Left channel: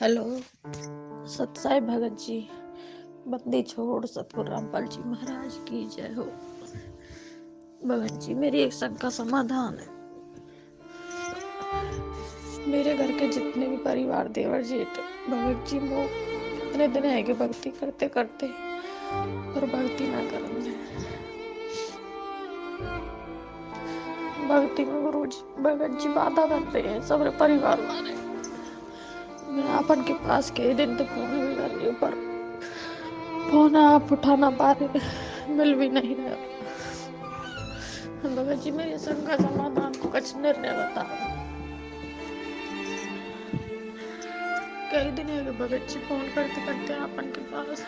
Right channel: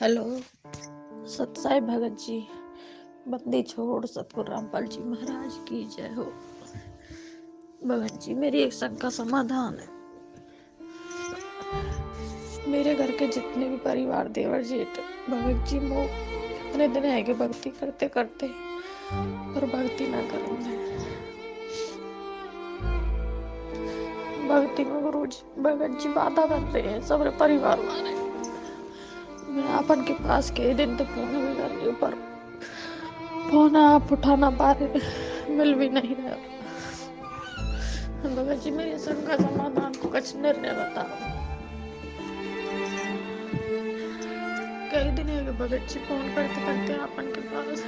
Hello. सतसाई Bhagat ji, बंदी छोड़ सतगुरु रामपाल जी महाराज की जय हो। भगत जी, मेरी एक शंका समाधान है। मेरे घर के जितने भी परिवार देवर जेठ भगत जी वो इतने दिन है कि भक्ति करते करते पर भक्ति ना करेंगे। भक्ति में गुरु जी भगत जी बाधा बन रहे हैं सबरे परिवार वाले। मैं अपन के पास कई दिन तो फोन भी कर रही हूँ पर फोन आप उठा ना पा रहे, मिल भी नहीं रहा। भगत जी, मेरी शंका समाधान को कुछ निर्णय बताओ। कई दिन है कि भगत जी फोन करते करते अपन के पास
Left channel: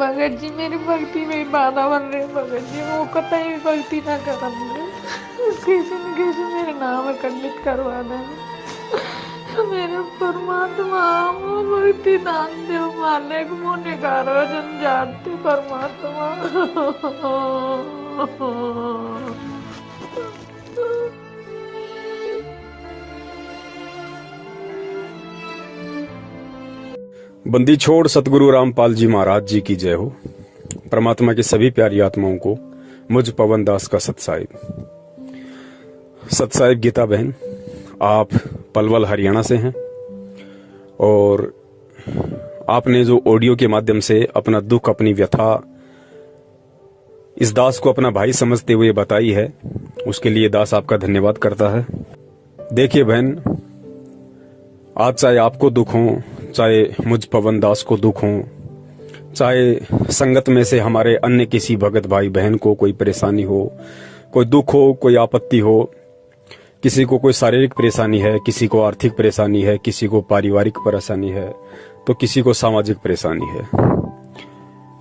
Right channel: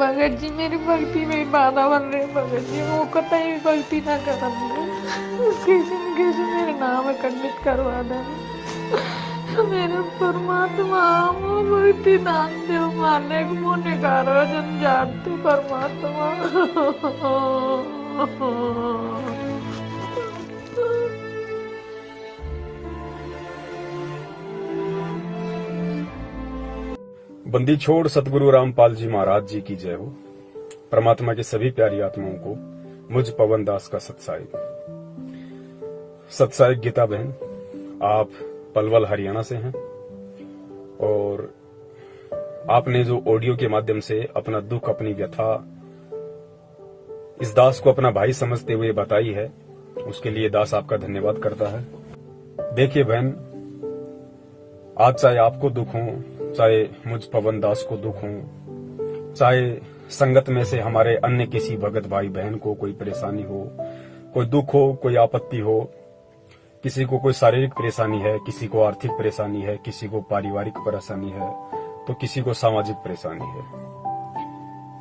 भगत जी, मेरी भक्ति में बाधा बन रही। भगत जी, वो कतई भी भक्ति ना करेंगे। किसी न किसी मेरे नाम खंडित करवा देना। मेरे परमात्मा वो भक्ति दान दे माने को मुने कारो जन जानते परमात्मा। बंदी छोड़ सतगुरु रामपाल जी महाराज जी की जय हो। परमात्मा की सभी प्यारी आत्माओं को मुझ पवन दास का सतसाहिब। सतसाहिब गीता बहन, आप पलवल हरियाणा से हैं और आपने जो ऑडियो के माध्यम से अपना दुख, अपनी व्यथा इस दास को अपना भाई समझते हुए बताई है, उसके लिए दास आपका धन्यवाद करता है। देखिए बहन, आज चाहे आपको दुख हो, चाहे मुझ पवन दास को दुख हो, चाहे संगत में से हमारे अन्य किसी भगत भाई बहन को कोई परेशानी हो, कोई दुख हो, कोई आपत्ति हो, किसी को कोई शारीरिक परेशानी है, किसी को आर्थिक परेशानी है, किसी को पारिवारिक परेशानी है, तो किसी को सामाजिक परेशानी है।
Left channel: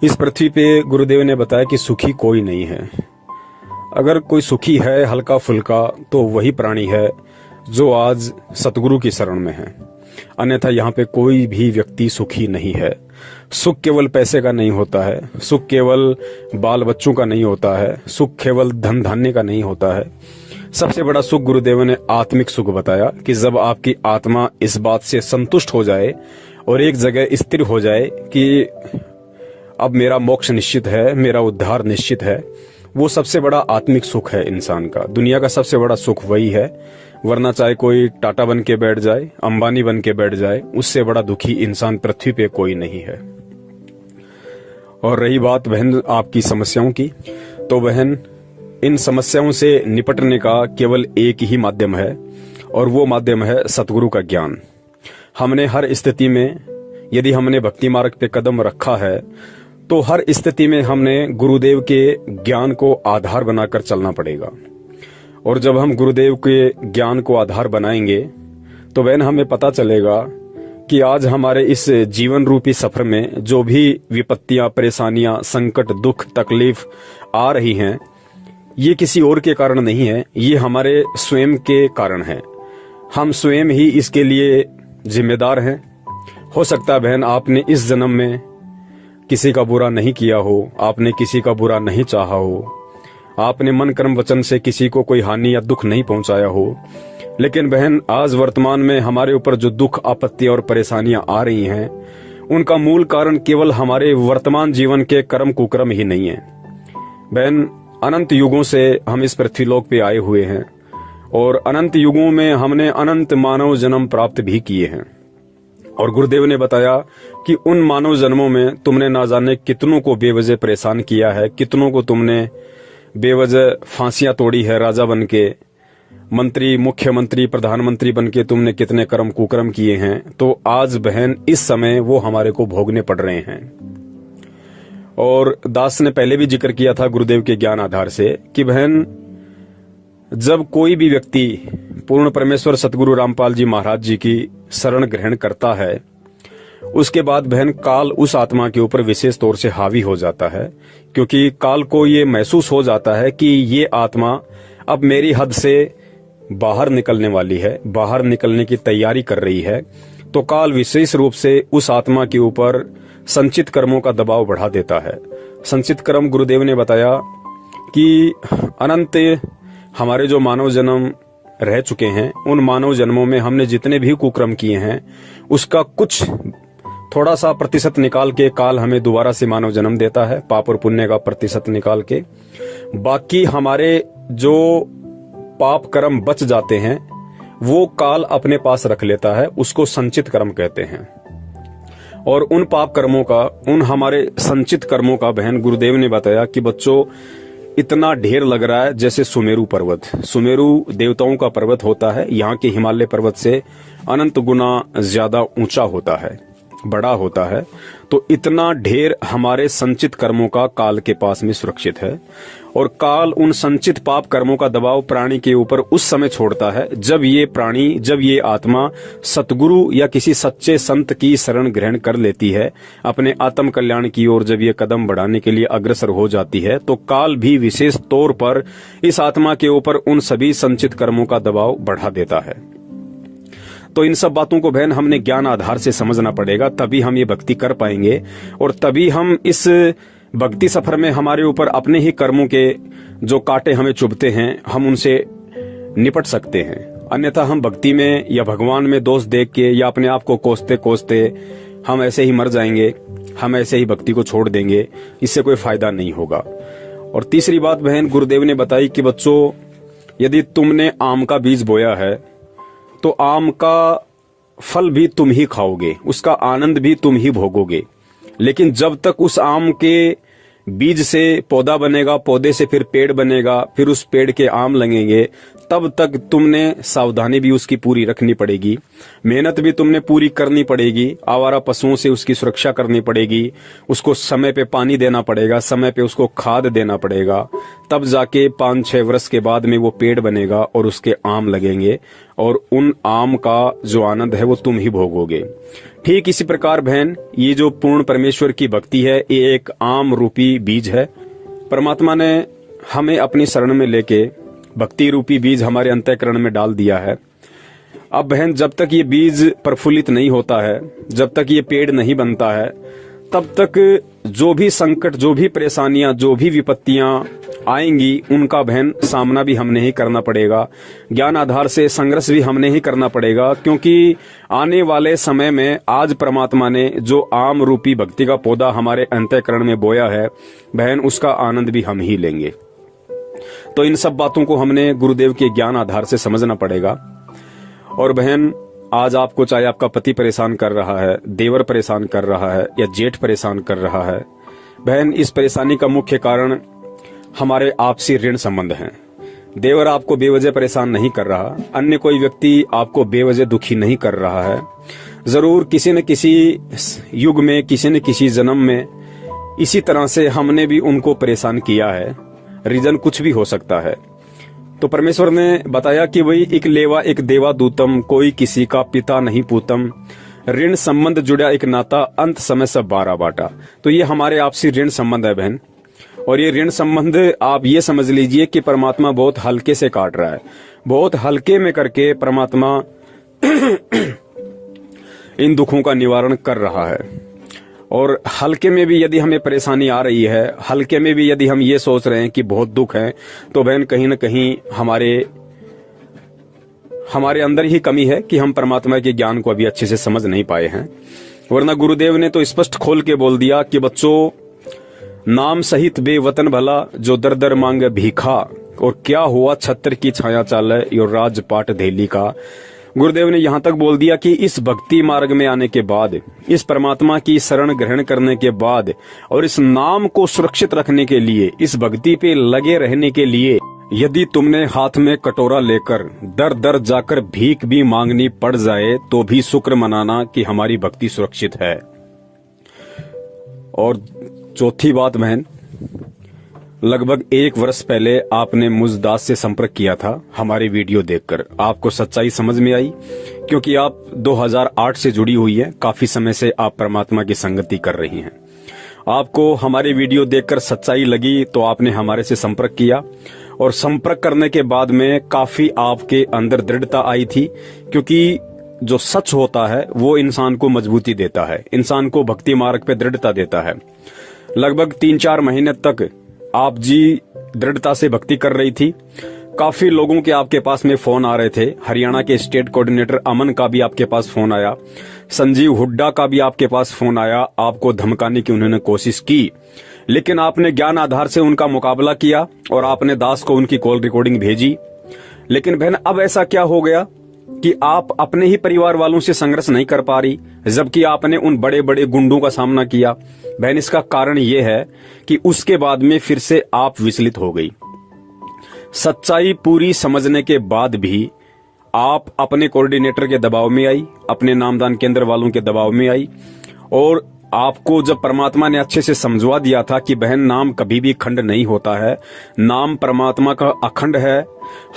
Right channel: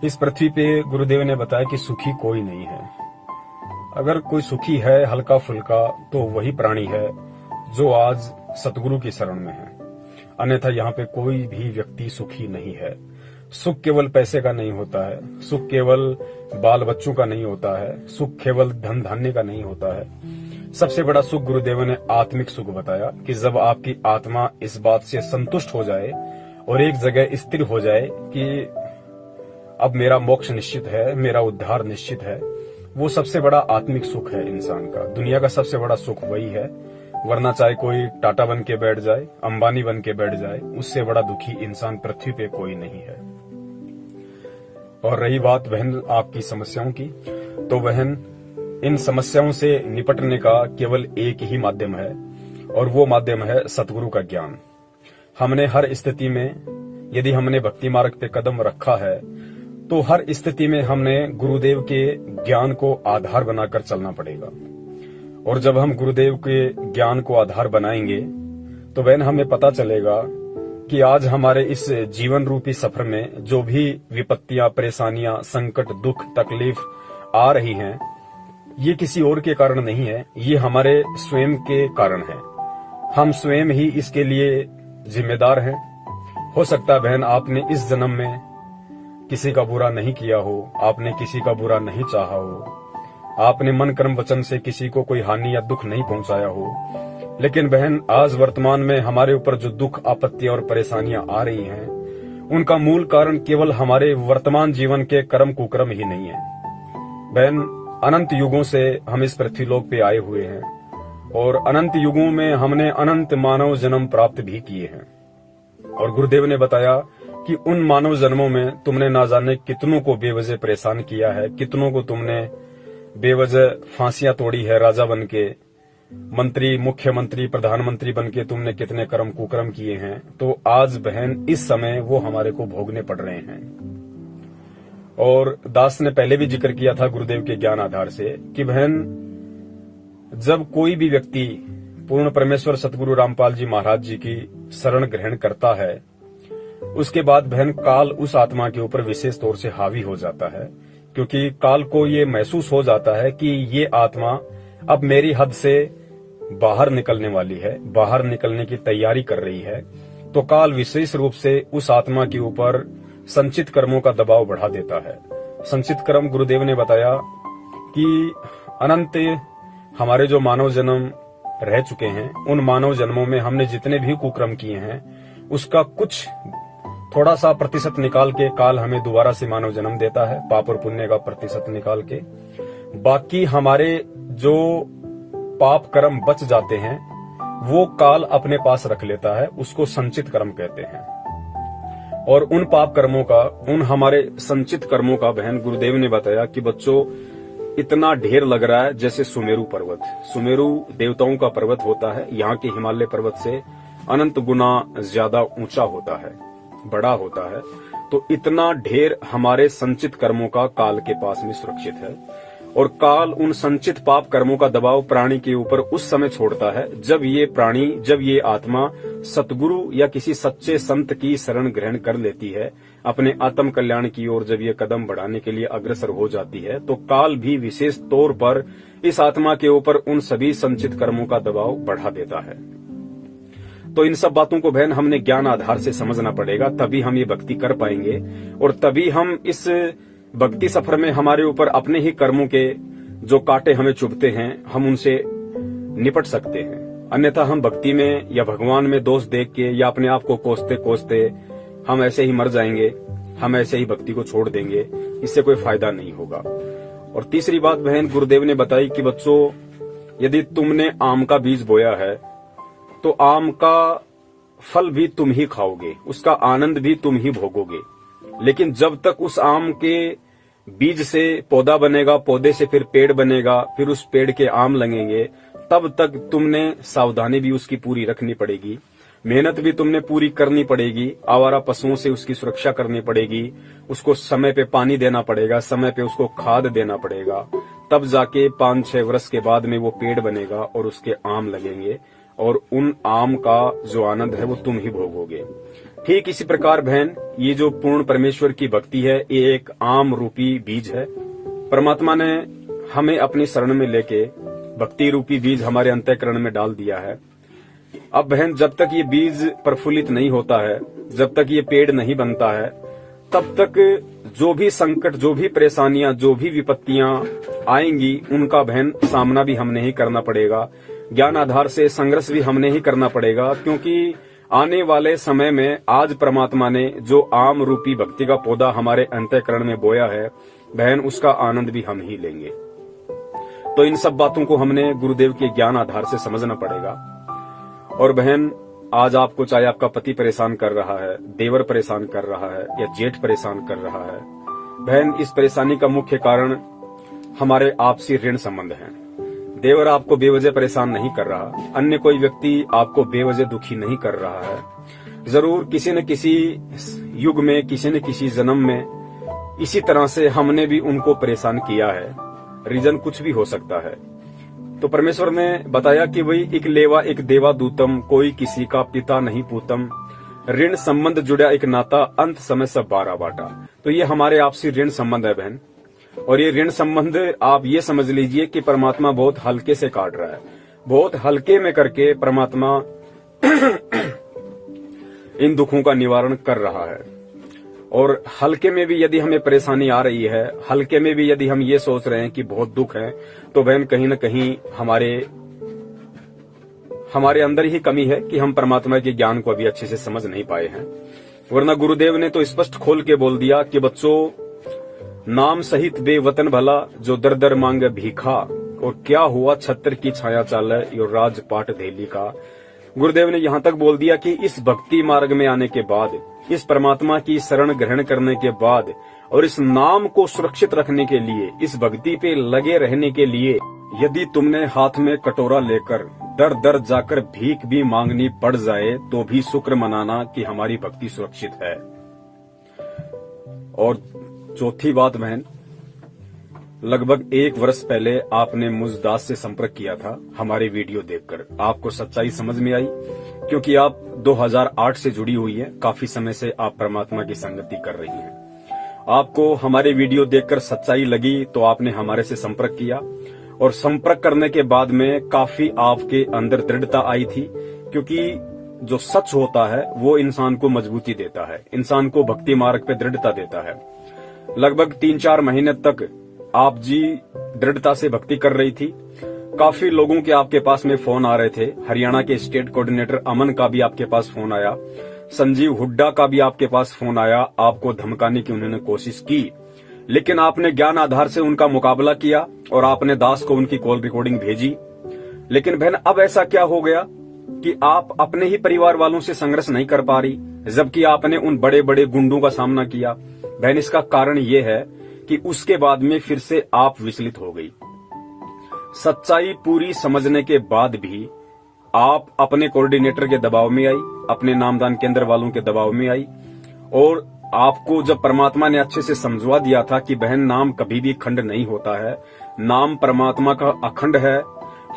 इस पृथ्वी पे गुरुदेव ने बताया कि सुखी कोई नहीं है। अगर कोई सुखी है हल्का फुल्का तो वही प्राणी है जो आज सतगुरु की शरण में है, अन्यथा यहाँ पे कोई भी व्यक्ति सुखी नहीं है। सुख केवल पैसे का नहीं होता है, सुख केवल बाल बच्चों का नहीं होता है, सुख केवल धन धान्य का नहीं होता है। सबसे बड़ा सुख गुरुदेव ने आत्मिक सुख बताया कि जब आपकी आत्मा इस बात से संतुष्ट हो जाए और एक जगह स्थिर हो जाए कि अब मेरा मोक्ष निश्चित है, मेरा उद्धार निश्चित है, वो सबसे बड़ा आत्मिक सुख है इंसान का। दुनिया का सबसे बड़ा सुख वही है, वरना चाहे कोई टाटा बन के बैठ जाए, अंबानी बन के बैठ जाए, उससे बड़ा दुखी इंसान पृथ्वी पे कोई नहीं है। और रही बात बहन आपकी समस्याओं की, तो बहन इन समस्याओं से निपटने का केवल एक ही माध्यम है और वो माध्यम है सतगुरु का ज्ञान। हमने हर स्थिति में, यदि हमने भक्ति मार्ग पे कदम रखा है तो हर स्थिति में हमने गुरुदेव के ज्ञान को आधार बनाकर चलना पड़ेगा। और जब हम गुरुदेव के ज्ञान को आधार बनाएंगे तो बहन हमें पता चलेगा कि आज हमारे इस जीवन रूपी सफर में जो भी विपत्तियां, परेशानियां, संकट, दुख, तकलीफ आ रही हैं, ये किसी और के कारण नहीं है, ये हमारे स्वयं के कारण है। हम स्वयं ही इसके लिए जिम्मेदार हैं। हो सकता है बहन आपने इस जन्म में किसी का बुरा नहीं किया हो, आपने किसी का बुरा नहीं चाहा हो, आपने मन कर्म वचन से किसी को कोई हानि या दुख नहीं पहुंचाया हो, लेकिन बहन आज वर्तमान में हमारे ऊपर जो दुख, आपत्ति और परेशानियां आ रही हैं, उनका मूल कारण केवल हमारे वर्तमान जीवन के कर्म कुकर्म ही नहीं है। बहन अनंत युगों से हम इस पृथ्वीलोक पे आए हुए हैं और अनंत युगों में हमने अनंत मानव जन्म प्राप्त भी किए हैं। और गुरुदेव ने बताया कि उन मानव जन्मों में तुमने ना जाने कितनों को बेवजह परेशान किया है, कितनों को तुमने बेवजह फांसियां तोड़ी है, राजा बनके, मंत्री, मुख्यमंत्री, प्रधानमंत्री बनके तुमने कितने कर्म कुकर्म किए हैं। तो आज बहन इस समय वो हमारे को भोगने पड़ रहे हैं। और दास ने पहले भी जिक्र किया था गुरुदेव के ज्ञान आधार से कि बहन जब कोई भी व्यक्ति पूर्ण परमेश्वर सतगुरु रामपाल जी महाराज जी की शरण ग्रहण करता है, उसके बाद बहन काल उस आत्मा के ऊपर विशेष तौर से हावी हो जाता है, क्योंकि काल को ये महसूस हो जाता है कि ये आत्मा अब मेरी हद से बाहर निकलने वाली है, बाहर निकलने की तैयारी कर रही है। तो काल विशेष रूप से उस आत्मा के ऊपर संचित कर्मों का दबाव बढ़ा देता है। संचित कर्म गुरुदेव ने बताया कि अनंत हमारे जो मानव जन्म रह चुके हैं, उन मानव जन्मों में हमने जितने भी कुकर्म किए हैं उसका कुछ थोड़ा सा प्रतिशत निकाल के काल हमें दोबारा से मानव जन्म देता है, पाप और पुण्य का प्रतिशत निकाल के। बाकी हमारे जो पाप कर्म बच जाते हैं वो काल अपने पास रख लेता है, उसको संचित कर्म कहते हैं। और उन पाप कर्मों का, उन हमारे संचित कर्मों का बहन गुरुदेव ने बताया कि बच्चों इतना ढेर लग रहा है जैसे सुमेरु पर्वत। सुमेरु देवताओं का पर्वत होता है, यहाँ के हिमालय पर्वत से अनंत गुना ज्यादा ऊंचा होता है, बड़ा होता है। तो इतना ढेर हमारे संचित कर्मों का काल के पास में सुरक्षित है। और काल उन संचित पाप कर्मों का दबाव प्राणी के ऊपर उस समय छोड़ता है जब ये प्राणी, जब ये आत्मा सतगुरु या किसी सच्चे संत की शरण ग्रहण कर लेती है, अपने आत्म कल्याण की ओर जब ये कदम बढ़ाने के लिए अग्रसर हो जाती है, तो काल भी विशेष तौर पर इस आत्मा के ऊपर उन सभी संचित कर्मों का दबाव बढ़ा देता है। तो इन सब बातों को बहन हमने ज्ञान आधार से समझना पड़ेगा, तभी हम ये भक्ति कर पाएंगे और तभी हम इस भक्ति सफर में हमारे ऊपर अपने ही कर्मों के जो कांटे हमें चुभते हैं हम उनसे निपट सकते हैं। अन्यथा हम भक्ति में या भगवान में दोष देख के या अपने आप को कोसते कोसते हम ऐसे ही मर जाएंगे, हम ऐसे ही भक्ति को छोड़ देंगे, इससे कोई फायदा नहीं होगा। और तीसरी बात बहन गुरुदेव ने बताई कि बच्चों यदि तुमने आम का बीज बोया है तो आम का फल भी तुम ही खाओगे, उसका आनंद भी तुम ही भोगोगे। लेकिन जब तक उस आम के बीज से पौधा बनेगा, पौधे से फिर पेड़ बनेगा, फिर उस पेड़ के आम लगेंगे, तब तक तुमने सावधानी भी उसकी पूरी रखनी पड़ेगी, मेहनत भी तुमने पूरी करनी पड़ेगी, आवारा पशुओं से उसकी सुरक्षा करनी पड़ेगी, उसको समय पे पानी देना पड़ेगा, समय पे उसको खाद देना पड़ेगा। तब जाके 5-6 वर्ष के बाद में वो पेड़ बनेगा और उसके आम लगेंगे और उन आम का जो आनंद है वो तुम ही भोगोगे। ठीक इसी प्रकार बहन ये जो पूर्ण परमेश्वर की भक्ति है ये एक आम रूपी बीज है। परमात्मा ने हमें अपनी शरण में लेके भक्ति रूपी बीज हमारे अंतःकरण में डाल दिया है। अब बहन जब तक ये बीज प्रफुल्लित नहीं होता है, जब तक ये पेड़ नहीं बनता है, तब तक जो भी संकट, जो भी परेशानियां, जो भी विपत्तियां आएंगी उनका बहन सामना भी हमने ही करना पड़ेगा, ज्ञान आधार से संघर्ष भी हमने ही करना पड़ेगा। क्योंकि आने वाले समय में आज परमात्मा ने जो आम रूपी भक्ति का पौधा हमारे अंतःकरण में बोया है बहन, उसका आनंद भी हम ही लेंगे। तो इन सब बातों को हमने गुरुदेव के ज्ञान आधार से समझना पड़ेगा। और बहन आज आपको चाहे आपका पति परेशान कर रहा है, देवर परेशान कर रहा है या जेठ परेशान कर रहा है, बहन इस परेशानी का मुख्य कारण हमारे आपसी ऋण संबंध हैं। देवर आपको बेवजह परेशान नहीं कर रहा, अन्य कोई व्यक्ति आपको बेवजह दुखी नहीं कर रहा है। जरूर किसी न किसी युग में, किसी न किसी जन्म में इसी तरह से हमने भी उनको परेशान किया है। रीजन कुछ भी हो सकता है। तो परमेश्वर ने बताया कि वही एक लेवा एक देवा दूतम, कोई किसी का पिता नहीं पूतम, ऋण संबंध जुड़ा एक नाता, अंत समय सब 12 बाटा। तो ये हमारे आपसी ऋण संबंध है बहन। और ये ऋण संबंध आप ये समझ लीजिए कि परमात्मा बहुत हल्के से काट रहा है, बहुत हल्के में करके परमात्मा इन दुखों का निवारण कर रहा है। और हल्के में भी यदि हमें परेशानी आ रही है, हल्के में भी यदि हम ये सोच रहे हैं कि बहुत दुख है, तो बहन कहीं न कहीं हमारे अंदर ही कमी है कि हम परमात्मा के ज्ञान को अभी अच्छे से समझ नहीं पाए हैं। वरना गुरुदेव ने तो स्पष्ट खोल के बोल दिया कि बच्चों नाम सहित बेवतन भला जो दर दर मांग भीखा, और क्या हुआ छत्र की छाया चाले यो राजपाट धेली का। गुरुदेव ने यहाँ तक बोल दिया कि इस भक्ति मार्ग में आने के बाद, इस परमात्मा की शरण ग्रहण करने के बाद और इस नाम को सुरक्षित रखने के लिए, इस भक्ति पे लगे रहने के लिए, यदि तुमने हाथ में कटोरा लेकर दर दर जाकर भीख भी मांगनी पड़ जाए तो भी शुक्र मनाना कि हमारी भक्ति सुरक्षित है। और चौथी बात बहन, लगभग 1 वर्ष पहले आपने मुझ दास से संपर्क किया था हमारे वीडियो देखकर। आपको सच्चाई समझ में आई क्योंकि आप 2008 से जुड़ी हुई है, काफी समय से आप परमात्मा की संगति कर रही हैं। आपको हमारे वीडियो देखकर सच्चाई लगी तो आपने हमारे से संपर्क किया, और संपर्क करने के बाद में काफी आपके अंदर दृढ़ता आई थी, क्योंकि जो सच होता है वो इंसान को मजबूती देता है, इंसान को भक्ति मार्ग पे दृढ़ता देता है। लगभग 3-4 महीने तक आप जी दृढ़ता से भक्ति कर रही थी। काफी लोगों के आपके पास में फोन आ रहे थे। हरियाणा के स्टेट कोऑर्डिनेटर अमन का भी आपके पास फोन आया, संजीव हुड्डा का भी आपके पास फोन आया, आपको धमकाने की उन्होंने कोशिश की, लेकिन आपने ज्ञान आधार से उनका मुकाबला किया और आपने दास को उनकी कॉल रिकॉर्डिंग भेजी। लेकिन बहन अब ऐसा क्या हो गया कि आप अपने ही परिवार वालों से संघर्ष नहीं कर पा रही, जबकि आपने उन बड़े बड़े गुंडों का सामना किया। बहन इसका कारण यह है कि उसके बाद में फिर से आप विचलित हो गई। सच्चाई पूरी समझने के बाद भी आप अपने कोऑर्डिनेटर के दबाव में आई, अपने नामदान केंद्र वालों के दबाव में आई, और आपको जब परमात्मा ने अच्छे से समझवा दिया था कि बहन नाम कभी भी खंड नहीं होता है, नाम परमात्मा का अखंड है।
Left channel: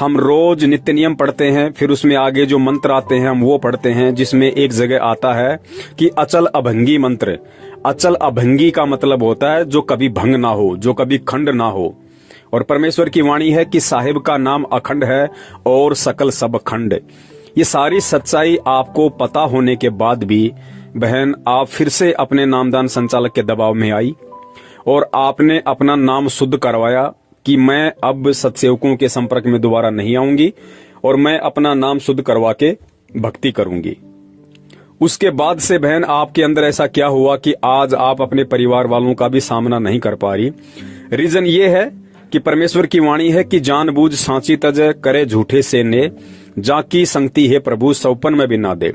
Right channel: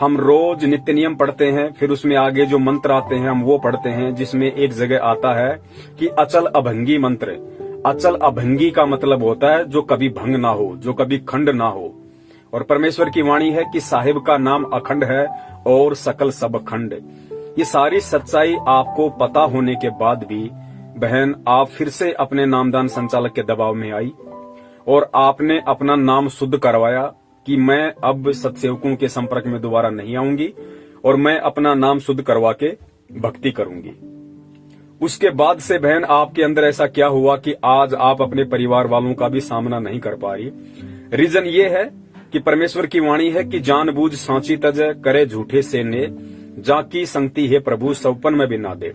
हम रोज नित्य नियम पढ़ते हैं, फिर उसमें आगे जो मंत्र आते हैं हम वो पढ़ते हैं, जिसमें एक जगह आता है कि अचल अभंगी मंत्र। अचल अभंगी का मतलब होता है जो कभी भंग ना हो, जो कभी खंड ना हो। और परमेश्वर की वाणी है कि साहिब का नाम अखंड है और सकल सब खंड। ये सारी सच्चाई आपको पता होने के बाद भी बहन आप फिर से अपने नामदान संचालक के दबाव में आई और आपने अपना नाम शुद्ध करवाया कि मैं अब सत्सेवकों के संपर्क में दोबारा नहीं आऊंगी और मैं अपना नाम शुद्ध करवा के भक्ति करूंगी। उसके बाद से बहन आपके अंदर ऐसा क्या हुआ कि आज आप अपने परिवार वालों का भी सामना नहीं कर पा रही। रीजन ये है कि परमेश्वर की वाणी है कि जानबूझ सांची तज करे झूठे से ने, जाकी संगति है प्रभु सौपन में भी ना दे।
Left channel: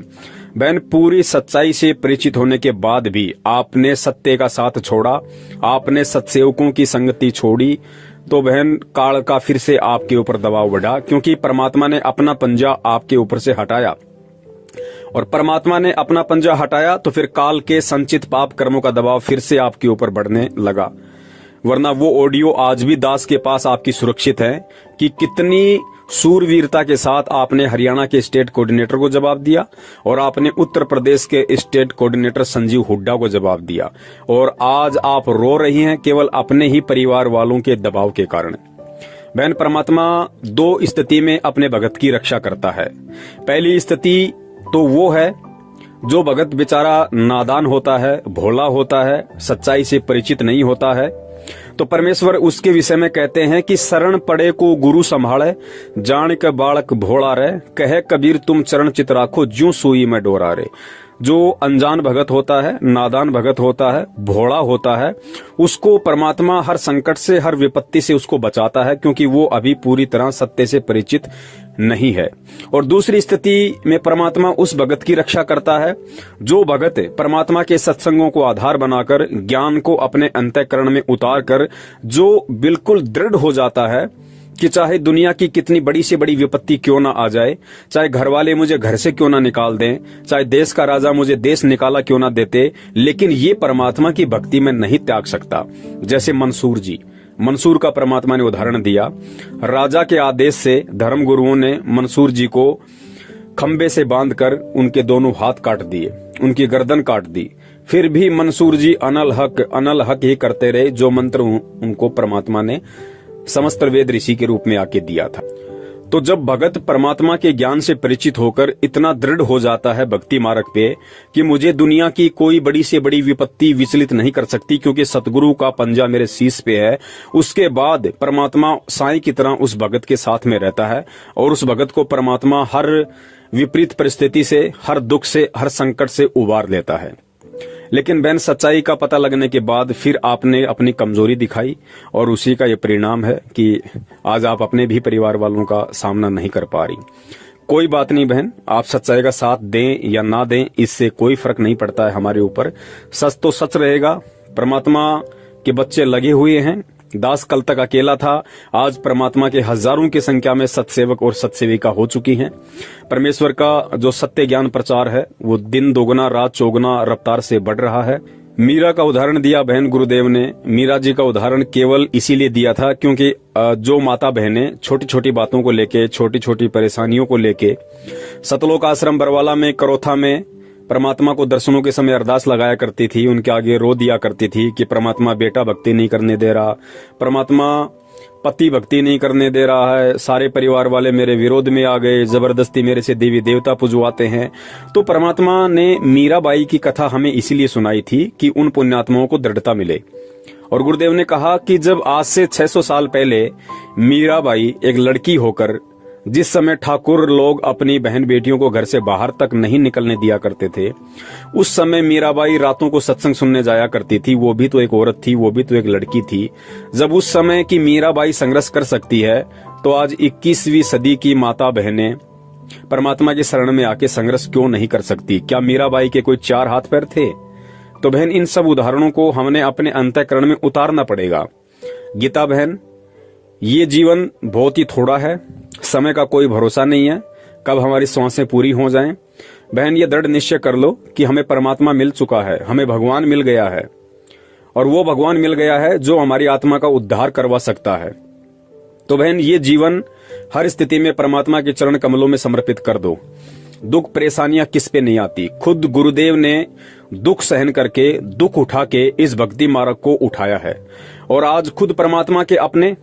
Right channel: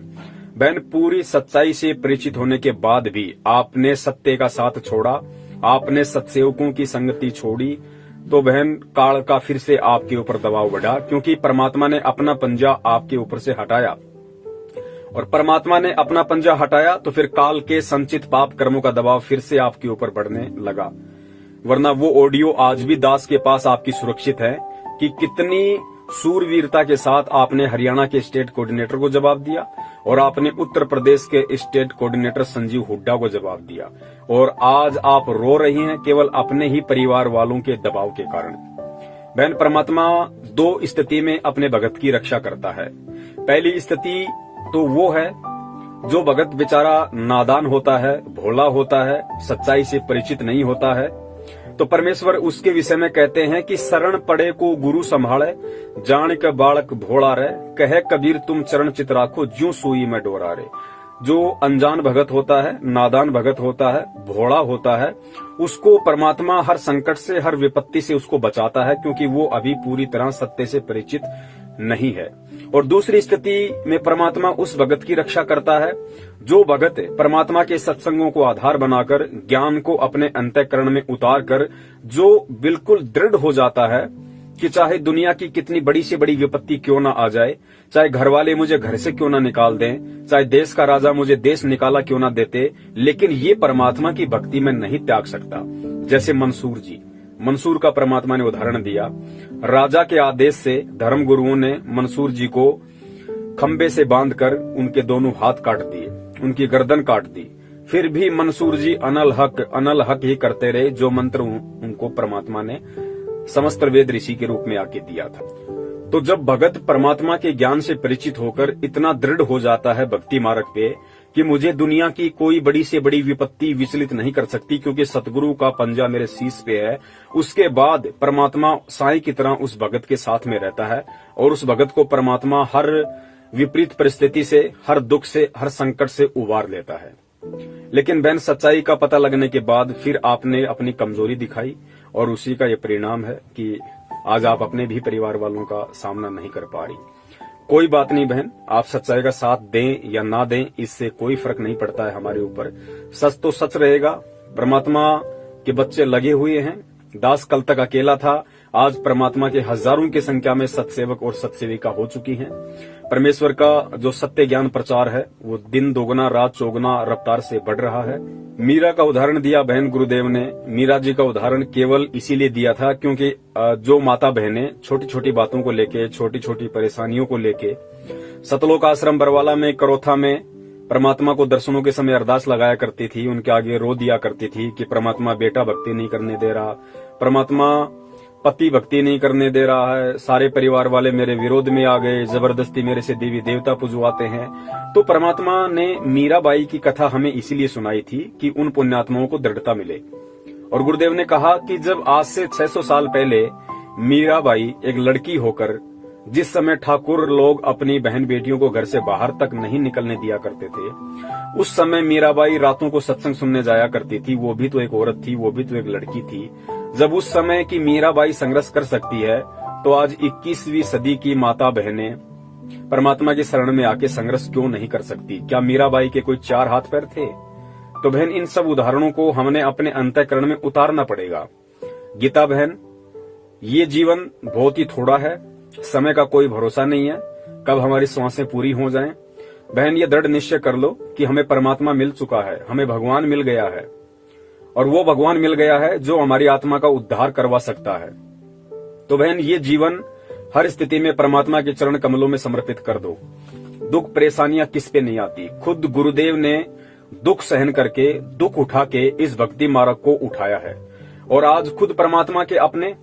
बहन पूरी सच्चाई से परिचित होने के बाद भी आपने सत्य का साथ छोड़ा, आपने सत्सेवकों की संगति छोड़ी, तो बहन काल का फिर से आपके ऊपर दबाव बढ़ा, क्योंकि परमात्मा ने अपना पंजा आपके ऊपर से हटाया। और परमात्मा ने अपना पंजा हटाया तो फिर काल के संचित पाप कर्मों का दबाव फिर से आपके ऊपर बढ़ने लगा। वरना वो ऑडियो आज भी दास के पास आपकी सुरक्षित है कि कितनी सूरवीरता के साथ आपने हरियाणा के स्टेट कोऑर्डिनेटर को जवाब दिया और आपने उत्तर प्रदेश के स्टेट कोऑर्डिनेटर संजीव हुड्डा को जवाब दिया, और आज आप रो रही हैं केवल अपने ही परिवार वालों के दबाव के कारण। बहन परमात्मा 2 स्थिति में अपने भगत की रक्षा करता है। पहली स्थिति तो वो है जो भगत बेचारा नादान होता है, भोला होता है, सच्चाई से परिचित नहीं होता है, तो परमेश्वर उसके विषय में कहते हैं कि शरण पड़े को गुरु संभाले, जान के बालक भोला रे, कहे कबीर तुम चरण चित राखो, ज्यों सुई में डोरा रे। जो अनजान भगत होता है, नादान भगत होता है, भोला होता है, उसको परमात्मा हर संकट से, हर विपत्ति से उसको बचाता है, क्योंकि वो अभी पूरी तरह सत्य से परिचित नहीं है। और दूसरी स्थिति में परमात्मा उस भगत की रक्षा करता है जो भगत परमात्मा के सत्संगों को आधार बनाकर, ज्ञान को अपने अंतःकरण में उतार कर, जो बिल्कुल दृढ़ हो जाता है कि चाहे दुनिया की कितनी बड़ी से बड़ी विपत्ति क्यों ना आ जाए, चाहे घर वाले मुझे घर से क्यों ना निकाल दें, चाहे देश का राजा मुझे देश निकाला क्यों ना देते, लेकिन ये परमात्मा की भक्ति में नहीं त्याग सकता। जैसे मंसूर का परमात्मा ने उदाहरण दिया। राजा के आदेश से धर्म गुरुओं ने मंसूर जी को खंबे से बांधकर उनके दोनों हाथ काट दिए, उनकी गर्दन काट दी। फिर भी मंसूर जी अनल हक ही करते रहे, जो मंत्र उनको परमात्मा ने समस्त वेद ऋषि के रूप में आके दिया था। तो जब भगत परमात्मा के ज्ञान से परिचित होकर इतना दृढ़ हो जाता है भक्ति मार्ग पे कि मुझे दुनिया की कोई बड़ी से बड़ी विपत्ति विचलित नहीं कर सकती, क्योंकि सतगुरु का पंजा मेरे शीश पे है, उसके बाद परमात्मा साईं की तरह उस भगत के साथ में रहता है और उस भगत को परमात्मा हर विपरीत परिस्थिति से, हर दुख से, हर संकट से उबार लेता है। लेकिन बहन सच्चाई का पता लगने के बाद फिर आपने अपनी कमजोरी दिखाई और उसी का ये परिणाम है कि आज आप अपने भी परिवार वालों का सामना नहीं कर पा रही। कोई बात नहीं बहन, आप सच्चाई का साथ दें या ना दें इससे कोई फर्क नहीं पड़ता है हमारे ऊपर। सच तो सच रहेगा। परमात्मा के बच्चे लगे हुए हैं। दास कल तक अकेला था, आज परमात्मा के हजारों की संख्या में सत्सेवक और सत्सेविका हो चुकी हैं। परमेश्वर का जो सत्य ज्ञान प्रचार है वो दिन दोगुना रात चौगुना रफ्तार से बढ़ रहा है। मीरा का उदाहरण दिया बहन गुरुदेव ने। मीरा जी का उदाहरण केवल इसीलिए दिया था क्योंकि जो माता बहनें छोटी छोटी बातों को लेके, छोटी छोटी परेशानियों को लेके सतलोक आश्रम बरवाला में, करोथा में परमात्मा को दर्शनों के समय अरदास लगाया करती थी, उनके आगे रो दिया करती थी कि परमात्मा बेटा भक्ति नहीं करने दे रहा, परमात्मा पति भक्ति नहीं करने दे रहा है, सारे परिवार वाले मेरे विरोध में आ गए, जबरदस्ती मेरे से देवी देवता पुजवाते हैं। तो परमात्मा ने मीराबाई की कथा हमें इसीलिए सुनाई थी कि उन पुण्यात्माओं को दृढ़ता मिले। और गुरुदेव ने कहा कि जब आज से 600 साल पहले मीराबाई एक लड़की होकर, जिस समय ठाकुर लोग अपनी बहन बेटियों को घर से बाहर तक नहीं निकलने दिया करते थे, उस समय मीराबाई रातों को सत्संग सुनने जाया करती थी। वो भी तो एक औरत थी, वो भी तो एक लड़की थी। जब उस समय की मीराबाई संघर्ष कर सकती है तो आज 21वीं सदी की माता बहनें परमात्मा की शरण में आके संघर्ष क्यों नहीं कर सकती? क्या मीराबाई के कोई 4 हाथ पैर थे? तो बहन इन सब उदाहरणों को हमने अपने अंतःकरण में उतारना पड़ेगा। गीता बहन, ये जीवन बहुत ही थोड़ा है, समय का कोई भरोसा नहीं है कब हमारी सांसें पूरी हो जाएं। बहन ये दृढ़ निश्चय कर लो कि हमें परमात्मा मिल चुका है, हमें भगवान मिल गया है, और वो भगवान मिल गया है जो हमारी आत्मा का उद्धार करवा सकता है। तो बहन ये जीवन हर स्थिति में परमात्मा के चरण कमलों में समर्पित कर दो। दुख परेशानियां किस पे नहीं आती। खुद गुरुदेव ने दुख सहन करके, दुख उठा के इस भक्ति मार्ग को उठाया है। और आज खुद परमात्मा के अपने,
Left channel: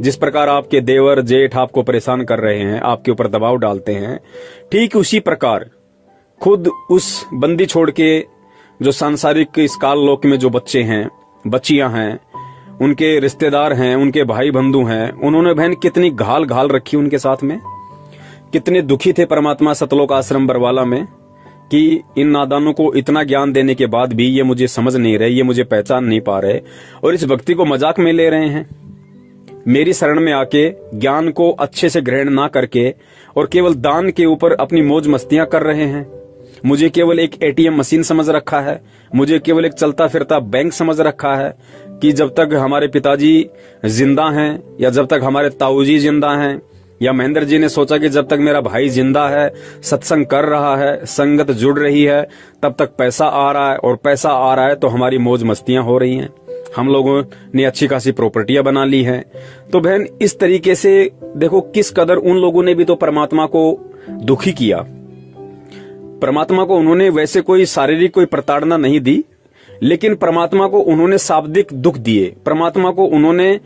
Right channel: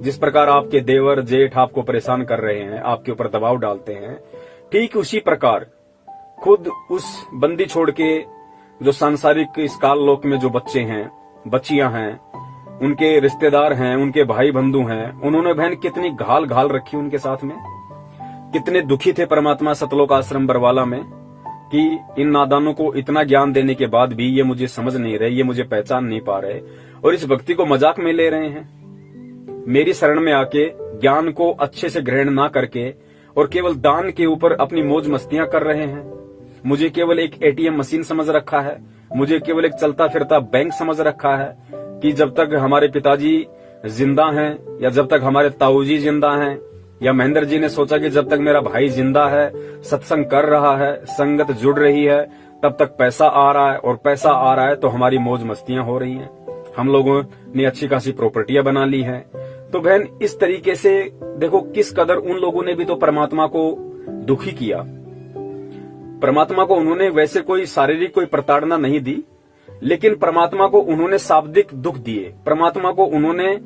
जिस प्रकार आपके देवर जेठ आपको परेशान कर रहे हैं, आपके ऊपर दबाव डालते हैं, ठीक उसी प्रकार खुद उस बंदी छोड़ के जो सांसारिक इस काल लोक में जो बच्चे हैं, बच्चियां हैं, उनके रिश्तेदार हैं, उनके भाई बंधु हैं, उन्होंने बहन कितनी घाल घाल रखी उनके साथ में। कितने दुखी थे परमात्मा सतलोक आश्रम बरवाला में कि इन नादानों को इतना ज्ञान देने के बाद भी ये मुझे समझ नहीं रहे, ये मुझे पहचान नहीं पा रहे और इस भक्ति को मजाक में ले रहे हैं। मेरी शरण में आके ज्ञान को अच्छे से ग्रहण ना करके और केवल दान के ऊपर अपनी मौज मस्तियां कर रहे हैं। मुझे केवल एक एटीएम मशीन समझ रखा है, मुझे केवल एक चलता फिरता बैंक समझ रखा है कि जब तक हमारे पिताजी जिंदा हैं या जब तक हमारे ताऊजी जिंदा हैं, या महेंद्र जी ने सोचा कि जब तक मेरा भाई जिंदा है, सत्संग कर रहा है, संगत जुड़ रही है, तब तक पैसा आ रहा है, और पैसा आ रहा है तो हमारी मौज मस्तियां हो रही हैं, हम लोगों ने अच्छी खासी प्रॉपर्टियां बना ली हैं। तो बहन इस तरीके से देखो किस कदर उन लोगों ने भी तो परमात्मा को दुखी किया। परमात्मा को उन्होंने वैसे कोई शारीरिक कोई प्रताड़ना नहीं दी, लेकिन परमात्मा को उन्होंने शाब्दिक दुख दिए। परमात्मा को उन्होंने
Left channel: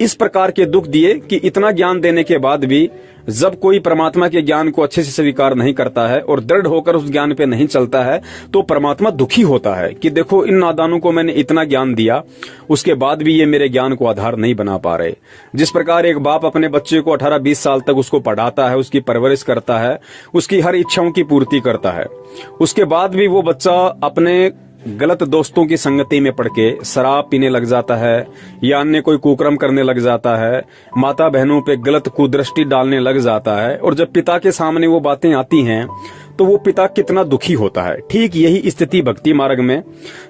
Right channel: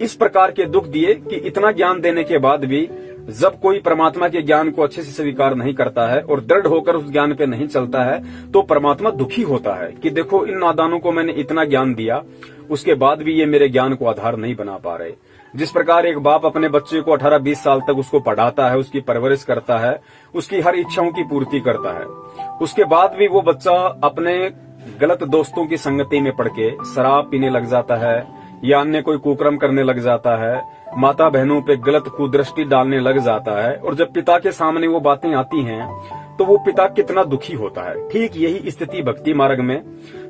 इस प्रकार के दुख दिए कि इतना ज्ञान देने के बाद भी जब कोई परमात्मा के ज्ञान को अच्छे से स्वीकार नहीं करता है और दृढ़ होकर उस ज्ञान पे नहीं चलता है तो परमात्मा दुखी होता है कि देखो इन नादानों को मैंने इतना ज्ञान दिया, उसके बाद भी ये मेरे ज्ञान को आधार नहीं बना पा रहे। जिस प्रकार एक बाप अपने बच्चे को 18-20 साल तक उसको पढ़ाता है, उसकी परवरिश करता है, उसकी हर इच्छाओं की पूर्ति करता है, उसके बाद भी वो बच्चा अपने गलत दोस्तों की संगति में पड़ के शराब पीने लग जाता है या अन्य कोई कुकर्म करने लग जाता है, माता बहनों पे गलत कुदृष्टि डालने लग जाता है, और जब पिता के सामने वो बातें आती हैं तो वो पिता कितना दुखी होता है। ठीक यही स्थिति भक्ति मार्ग में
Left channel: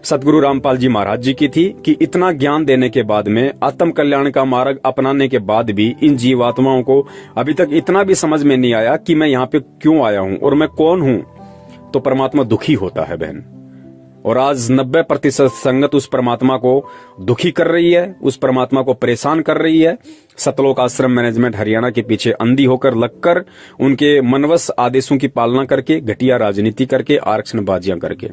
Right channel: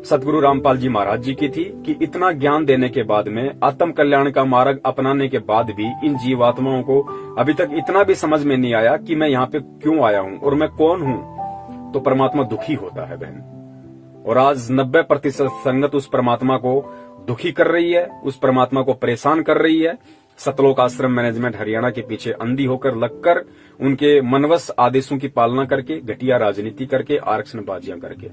सतगुरु रामपाल जी महाराज जी की थी कि इतना ज्ञान देने के बाद में, आत्म कल्याण का मार्ग अपनाने के बाद भी इन जीवात्माओं को अभी तक इतना भी समझ में नहीं आया कि मैं यहाँ पे क्यों आया हूँ और मैं कौन हूँ। तो परमात्मा दुखी होता है बहन, और आज 90% संगत उस परमात्मा को दुखी कर रही है, उस परमात्मा को परेशान कर रही है। सतलोक आश्रम मैनेजमेंट हरियाणा के पीछे अंधी होकर लगकर, उनके मनवश आदेशों की पालना करके, घटिया राजनीति करके, आरक्षण बाजियां करके।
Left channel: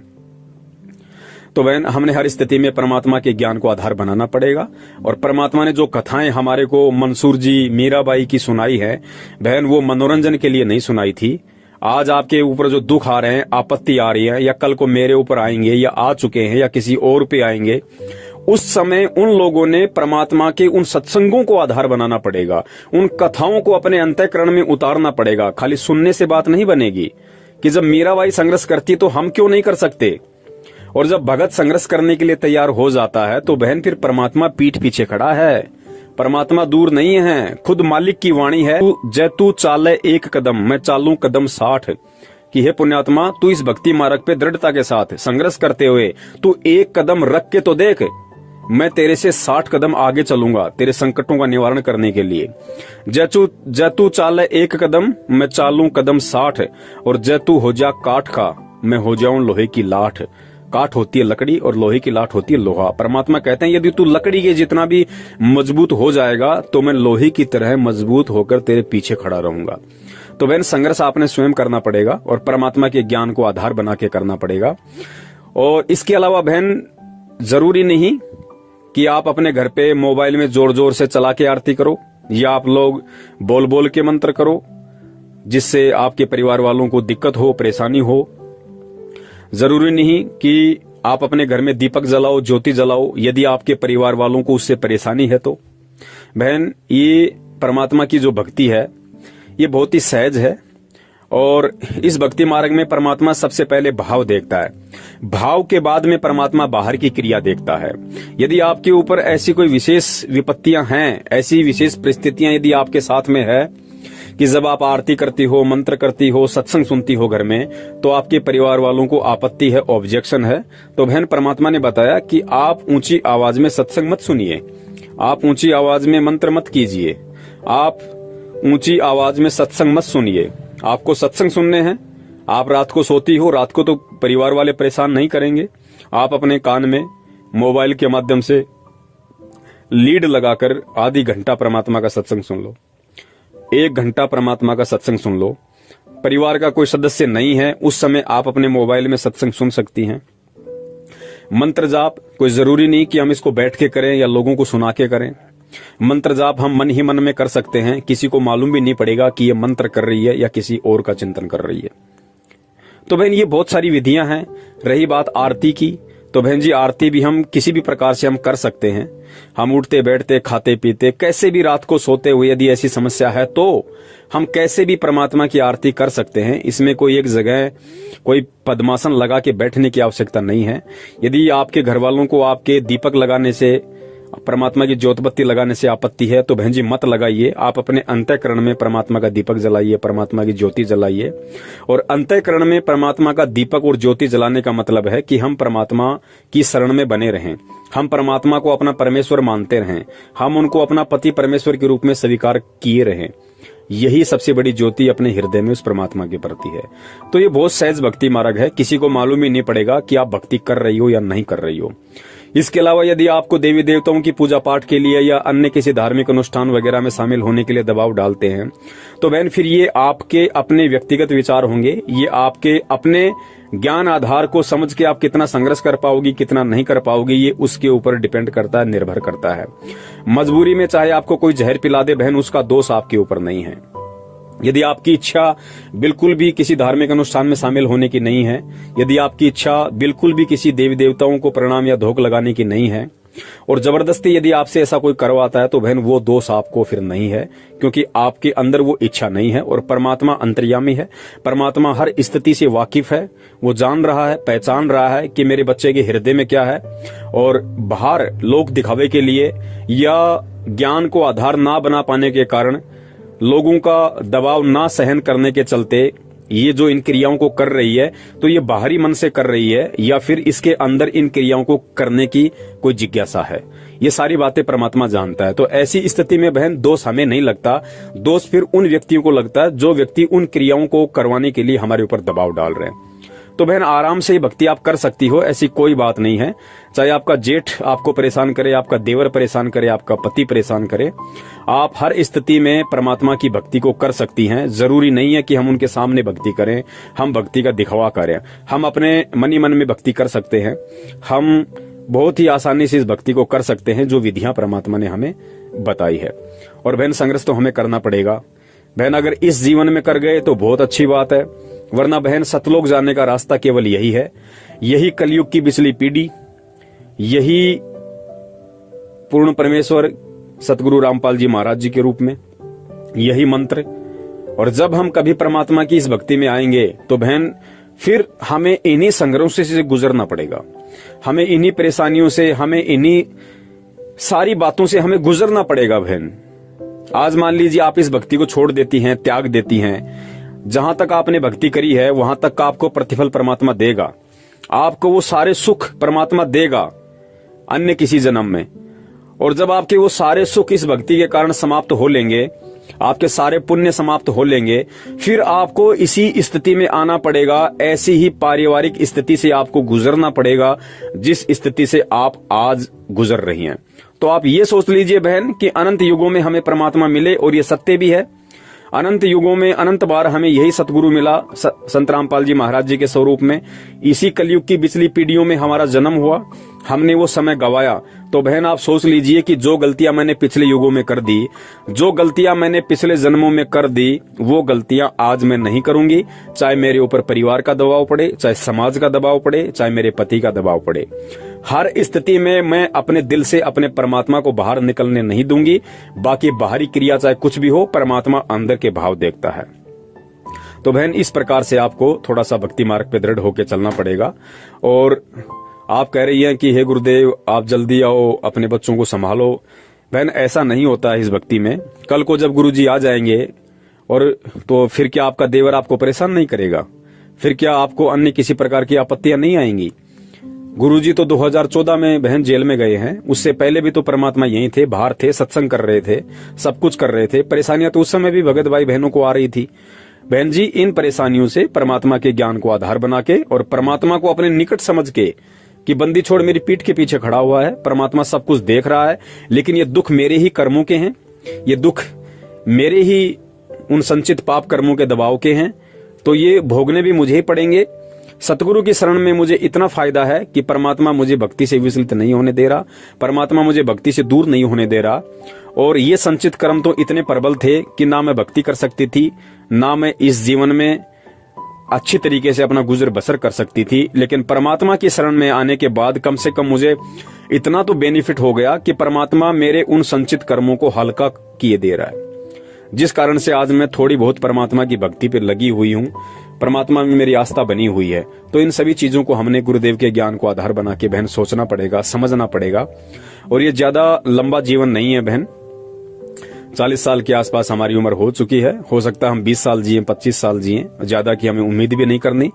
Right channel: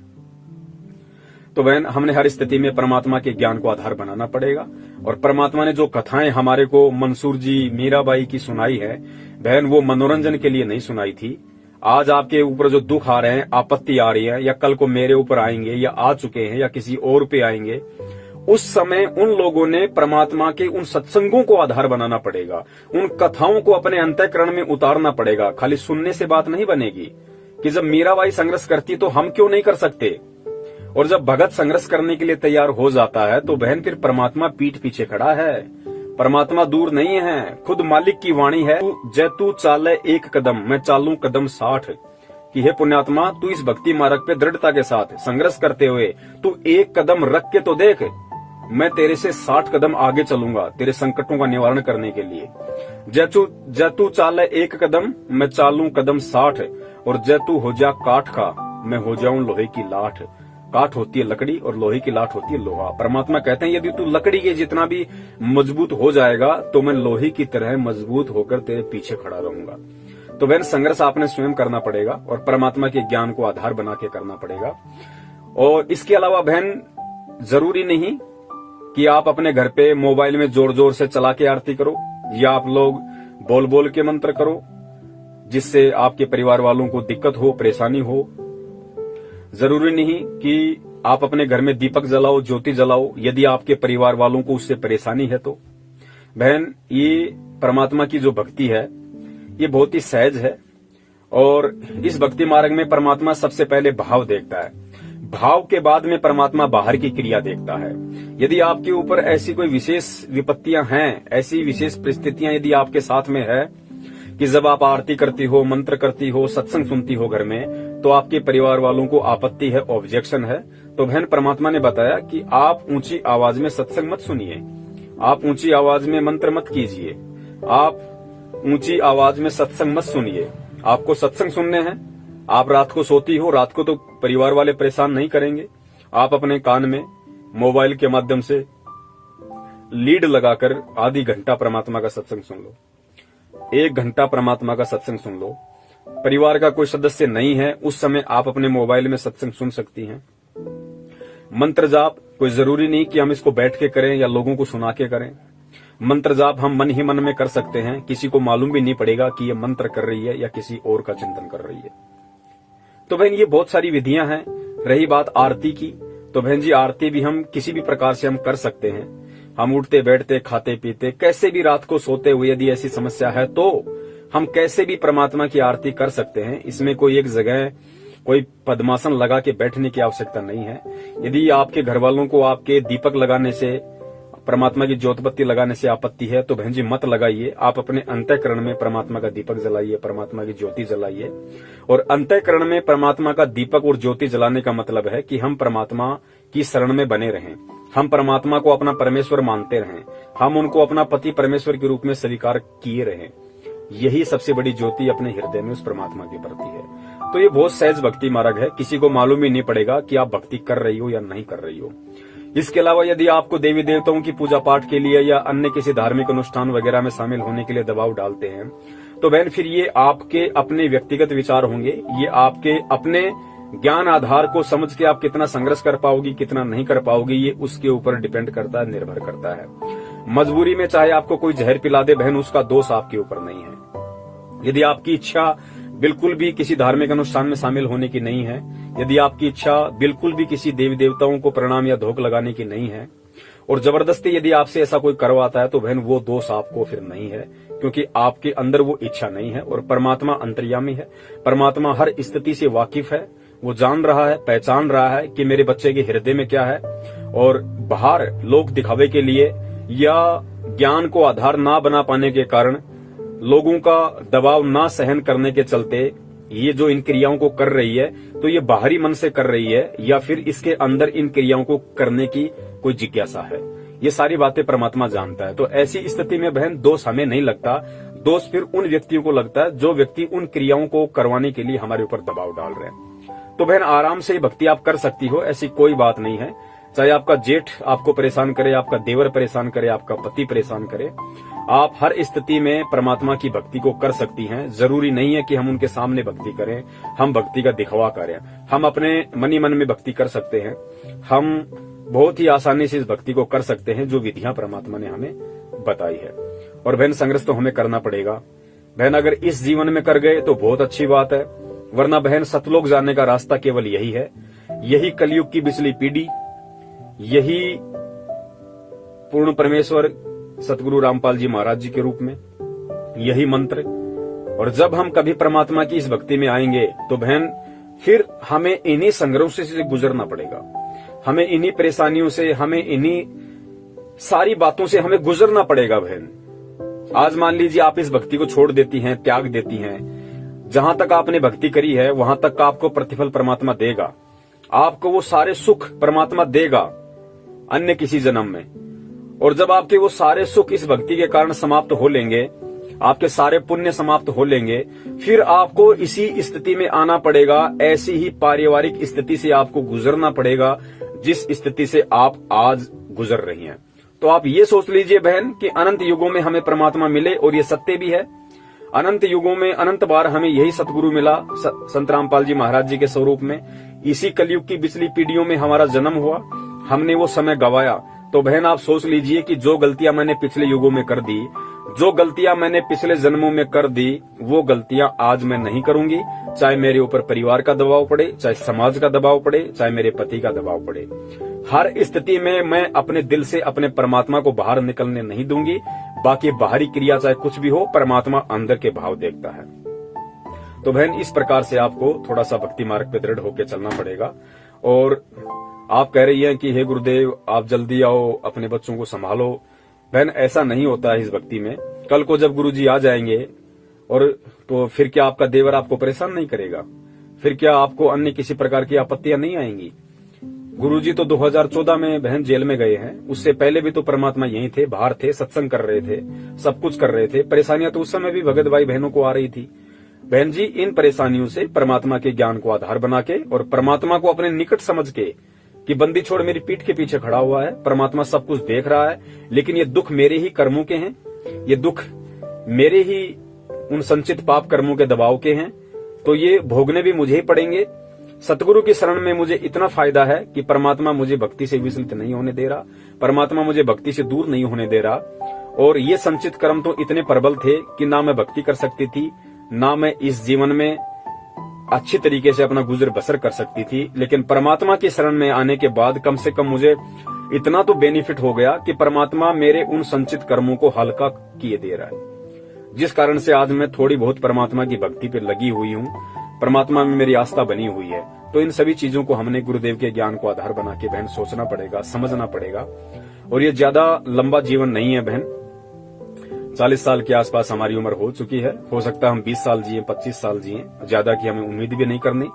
तो बहन हमने हर स्थिति में परमात्मा के ज्ञान को आधार बनाना पड़ेगा। और परमात्मा ने जो कथाएं हमारे को मंसूर जी, मीराबाई की सुनाई है बहन, वो मनोरंजन के लिए नहीं सुनाई थी। आज आपके ऊपर जो दुख आ रहे हैं, आपत्ति आ रही है, या कल को मेरे ऊपर आएंगे या आ चुके हैं या किसी और पे आएंगे, उस समय उन लोगों ने परमात्मा के उन सत्संगों को आधार बनाना पड़ेगा, उन कथाओं को अपने अंतःकरण में उतारना पड़ेगा। खाली सुनने से बात नहीं बनेगी कि जब मीराबाई संघर्ष करती तो हम क्यों नहीं कर सकते। और जब भगत संघर्ष करने के लिए तैयार हो जाता है तो बहन फिर परमात्मा पीठ पीछे खड़ा है। परमात्मा दूर नहीं है, खुद मालिक की वाणी है, तू चाले एक कदम मैं चालू कदम 60 कि हे पुण्यात्मा, तू इस भक्ति मार्ग पे दृढ़ता के साथ संघर्ष करते हुए तू एक कदम रख के तो देख, मैं तेरे से 60 कदम आगे चलूंगा तेरे संकटों का निवारण करने के लिए। जैतू चाले एक कदम मैं चालू कदम 60 और जैतू हो जा काठ का मैं हो जाऊं लोहे की लाठ। काठ होती है लकड़ी और लोहे की लाठ होती है लोहा। परमात्मा कहते हैं यदि तू लकड़ी के जितना भी मजबूत हो जाएगा तो मैं लोहे की तरह मजबूत होकर तेरे पीछे खड़ा रहूंगा। तो बहन संघर्ष आपने स्वयं करना पड़ेगा और परमात्मा के ज्ञान को आधार बना के करना पड़ेगा। और इसके अलावा बहन जरूरी नहीं कि आप अपने घर पे मोबाइल में जोर जोर से चला के आरती करो या आप लोग बोल बोल के मंत्र करो जिससे आपके परिवार वालों को दिक्कत हो, परेशानी हो। जरूरी नहीं कि आप अपने घर में दीपक जलाओ, ज्योति जलाओ यदि आपके परिवार वालों को उससे परेशानी है तो। बहन ये परमात्मा की जो भक्ति है ये बहुत ही सहज है और इस भक्ति मार्ग में परमात्मा सबसे पहले भाव देखता है, भाव के बाद में परमात्मा बाहर की क्रिया देखता है। यदि आपके ऊपर ऐसी कोई विशेष विपत्तियां हैं, ऐसी विशेष परिस्थितियां यदि आपके साथ में है कि जब आप आरती करती हो, मंत्र करती हो, सत्संग सुनती हो घर में तो आपके परिवार वालों को आपत्ति है, ऑब्जेक्शन है, तो बहन परमात्मा ने बताया कि आप ऊंची आवाज में सत्संग मत सुनिए, आप ऊंची आवाज में मंत्र मत कीजिए, आप ऊंची आवाज में सत्संग मत सुनिए। आपको सत्संग सुनने हैं, आप रात को सोती हो, रात को तो परिवार वाले परेशान नहीं करेंगे, आप अपने कान में मोबाइल के माध्यम से लीड लगाकर आधी घंटा परमात्मा का सत्संग सुन लो, 1 घंटा परमात्मा का सत्संग सुन लो। परिवार का कोई सदस्य नहीं है उस समय आप अपने मोबाइल में सत्संग सुन सकती हैं। मंत्र जाप कोई जरूरी नहीं कि हम इसको बैठ के करें या लोगों को सुना के करें। मंत्र जाप हम मन ही मन में कर सकते हैं, किसी को मालूम भी नहीं पड़ेगा कि ये मंत्र कर रही है या किसी और का चिंतन कर रही है। तो बहन ये बहुत सारी विधियां हैं। रही बात आरती की, तो बहन जी आरती भी हम किसी भी प्रकार से हम कर सकते हैं। हम उठते बैठते खाते पीते कैसे भी रात को सोते हुए यदि ऐसी समस्या है तो हम कैसे भी परमात्मा की आरती कर सकते हैं। इसमें कोई एक जगह कोई पद्मासन लगा के बैठने की आवश्यकता नहीं है। यदि आपके घर वालों को आपके दीपक लगाने से, परमात्मा की ज्योतबत्ती लगाने से आपत्ति है तो बहन जी मत लगाइए। आप अपने अंतःकरण में परमात्मा का दीपक जलाइए, परमात्मा की ज्योति जलाइए। और अंतःकरण में परमात्मा का दीपक और ज्योति जलाने का मतलब है कि हम परमात्मा की शरण में बने रहें, हम परमात्मा को अपना परमेश्वर मानते रहें, हम उनको अपना पति परमेश्वर के रूप में स्वीकार किए रहें। यही सबसे बड़ी ज्योति अपने हृदय में उस परमात्मा के प्रति है। तो ये बहुत सहज भक्ति मार्ग है, किसी को मालूम ही नहीं पड़ेगा कि आप भक्ति कर रही हो या नहीं कर रही हो। इसके अलावा यदि आपको देवी देवताओं की पूजा पाठ के लिए या अन्य किसी धार्मिक अनुष्ठान वगैरह में शामिल होने के लिए दबाव डालते हैं तो बहन फिर ये आपके अपने व्यक्तिगत विचार होंगे, ये आपके अपने ज्ञान आधार को समझ के आप कितना संघर्ष कर पाओगी, कितना नहीं कर पाओगी, ये उसके ऊपर डिपेंड करता है, निर्भर करता है। मजबूरी में चाहे आपको कोई जहर पिला दे बहन, उसका दोष आपके ऊपर नहीं है। यदि आपकी इच्छा बिल्कुल भी किसी धार्मिक अनुष्ठान में शामिल होने की नहीं है, यदि आपकी इच्छा बिल्कुल भी किसी देवी देवताओं को प्रणाम या धोख लगाने की नहीं है और जबरदस्ती यदि आपसे ऐसा कोई करवाता है तो बहन वो दोष आपको फिर नहीं है, क्योंकि आपके अंदर वो इच्छा नहीं है। और परमात्मा अंतर्यामी है, परमात्मा हर स्थिति से वाकिफ है, वो जान रहा है, पहचान रहा है कि मेरे बच्चे के हृदय में क्या है। और बाहर लोग दिखावे के लिए या ज्ञान को आधार ना बना पाने के कारण, लोगों का दबाव ना सहन करने के चलते ये जो इन क्रियाओं को कर रही है तो ये बाहरी मन से कर रही है या फिर इसके अंदर इन क्रियाओं को करने की कोई जिज्ञासा है। ये सारी बातें परमात्मा जानता है। तो ऐसी स्थिति में बहन दोष हमें नहीं लगता, दोष फिर उन व्यक्तियों को लगता है जो व्यक्ति उन क्रियाओं को करवाने के लिए हमारे ऊपर दबाव डाल रहे हैं। तो बहन आराम से भक्ति आप कर सकती हो, ऐसी कोई बात नहीं है। चाहे आपका जेठ आपको परेशान करे, आपका देवर परेशान करे, आपका पति परेशान करे, आप हर स्थिति में परमात्मा की भक्ति को कर सकती हैं। जरूरी नहीं है कि हम उनके सामने भक्ति करें, हम भक्ति का दिखावा करें। हम अपने मनी मन में भक्ति कर सकते हैं। हम बहुत ही आसानी से इस भक्ति को कर सकते हैं जो विधियां परमात्मा ने हमें बताई है। और बहन संघर्ष तो हमें करना पड़ेगा। बहन अगर इस जीवन में कर गए तो बहुत अच्छी बात है, वरना बहन सतलोक जाने का रास्ता केवल यही है। यही कलयुग की बिचली पीढ़ी, यही पूर्ण परमेश्वर सतगुरु रामपाल जी महाराज जी के रूप में, यही मंत्र। और जब हम कभी परमात्मा की इस भक्ति में आएंगे तो बहन फिर हमें इन्हीं संघर्षों से गुजरना पड़ेगा। हमें इन्हीं परेशानियों से, हमें इन्हीं सारी बातों से हमें गुजरना पड़ेगा बहन। आज मान लीजिए आप इस भक्ति को छोड़ देती हैं, त्याग देती हैं, जहां तक आपने भक्ति करी है वहां तक का आपको प्रतिफल परमात्मा देगा। आपको वो सारे सुख परमात्मा देगा अन्य किसी जन्म में। और जब आपके वो सारे सुख इस भक्ति के कारण समाप्त हो लेंगे, आपके सारे पुण्य समाप्त हो लेंगे, फिर आपको इसी स्थिति में आना पड़ेगा। ऐसी ही पारिवारिक स्थिति से आपको गुजरना पड़ेगा जिस स्थिति से आप आज गुजर रही हैं। तो आप ये सोच लीजिए बहन कि अनंत युगों में हमें परमात्मा मिले, और ये सत्य भी है। अनंत युगों में अनंत बार हमें यही सतगुरु मिला संत रामपाल जी महाराज जी के स्वरूप में। इसी कलयुग की पिछली पीढ़ियों में हमारा जन्म हुआ, हमने वो समय गवाया। तो बहन आप सोच लीजिए कि जो गलतियां मैंने पिछले युगों में कर दी, जो गलतियां मैंने पिछले जन्मों में कर दी, वो गलतियां आज मैं नहीं करूंगी। चाहे मेरे ऊपर परिवार का दबाव पड़े, चाहे समाज का दबाव पड़े, चाहे मेरे पति का दबाव पड़े, हर स्थिति में मैं अपने दिल से अपने परमात्मा को बाहर निकलने नहीं दूंगी। बाकी बाहरी क्रिया चाहे कुछ भी हो, परमात्मा अंदर के भाव देखता है। तो बहन इस प्रकार से आपको थोड़ा सा भक्ति मार्ग पे दृढ़ होकर चलना पड़ेगा। और आप कह रही हैं कि हे गुरुदेव आप जल्दी आओ, अपने बच्चों को संभालो। बहन ऐसा नहीं होता है इस भक्ति में। कल को जब गुरुजी आ जाएंगे और तो फिर क्या आपका देवर आपको परेशान नहीं करेगा? फिर क्या आपको अन्य किसी प्रकार की आपत्तियां नहीं आएंगी? गुरुजी तो 2014 में बहन जेल में गए हैं, उससे पहले भी तो परमात्मा यहीं थे, बाहर थे, सत्संग कर रहे थे, सब कुछ कर रहे थे। परेशानियां तो उस समय भी भगत भाई बहनों को आ रही थी। बहन जी इन परेशानियों से परमात्मा के ज्ञान को आधार बना के और परमात्मा को अपने निकट समझ के कि बंदी छोड़ मेरी पीठ के पीछे खड़ा हुआ है, परमात्मा सब कुछ देख रहा है, लेकिन ये दुख मेरे ही कर्मों के हैं, ये दुख मेरे ही उन संचित पाप कर्मों के दबाव के हैं, तो ये भोगने भी मुझे ही पड़ेंगे। सतगुरु की शरण में मुझे इतना फायदा है कि परमात्मा मुझे भक्ति से विचलित नहीं होने दे रहा, परमात्मा मुझे भक्ति से दूर नहीं होने दे रहा। और ये संचित कर्म तो इतने प्रबल थे कि ना मैं भक्ति कर सकती थी, ना मैं इस जीवन में अच्छी तरीके से अपना गुजर बसर कर सकती थी। लेकिन परमात्मा की शरण में आने के बाद कम से कम मुझे इतना तो बेनिफिट हो गया कि परमात्मा मेरे उन संचित कर्मों को हल्का किए दे रहा है, जिस कारण से आज मैं थोड़ी बहुत परमात्मा की भक्ति पर लगी हुई हूँ, परमात्मा में मेरी आस्था बनी हुई है। तो इन सभी चीजों को हमने गुरुदेव के ज्ञान को आधार बना के बहन सोचना पड़ेगा, समझना पड़ेगा। और ये ज्यादा लंबा जीवन नहीं है बहन, 40 साल के आसपास हमारी उम्र हो चुकी है। हो सकता है हम 20 साल जिए, 25 साल जिए, ज्यादा की हमें उम्मीद भी नहीं करनी।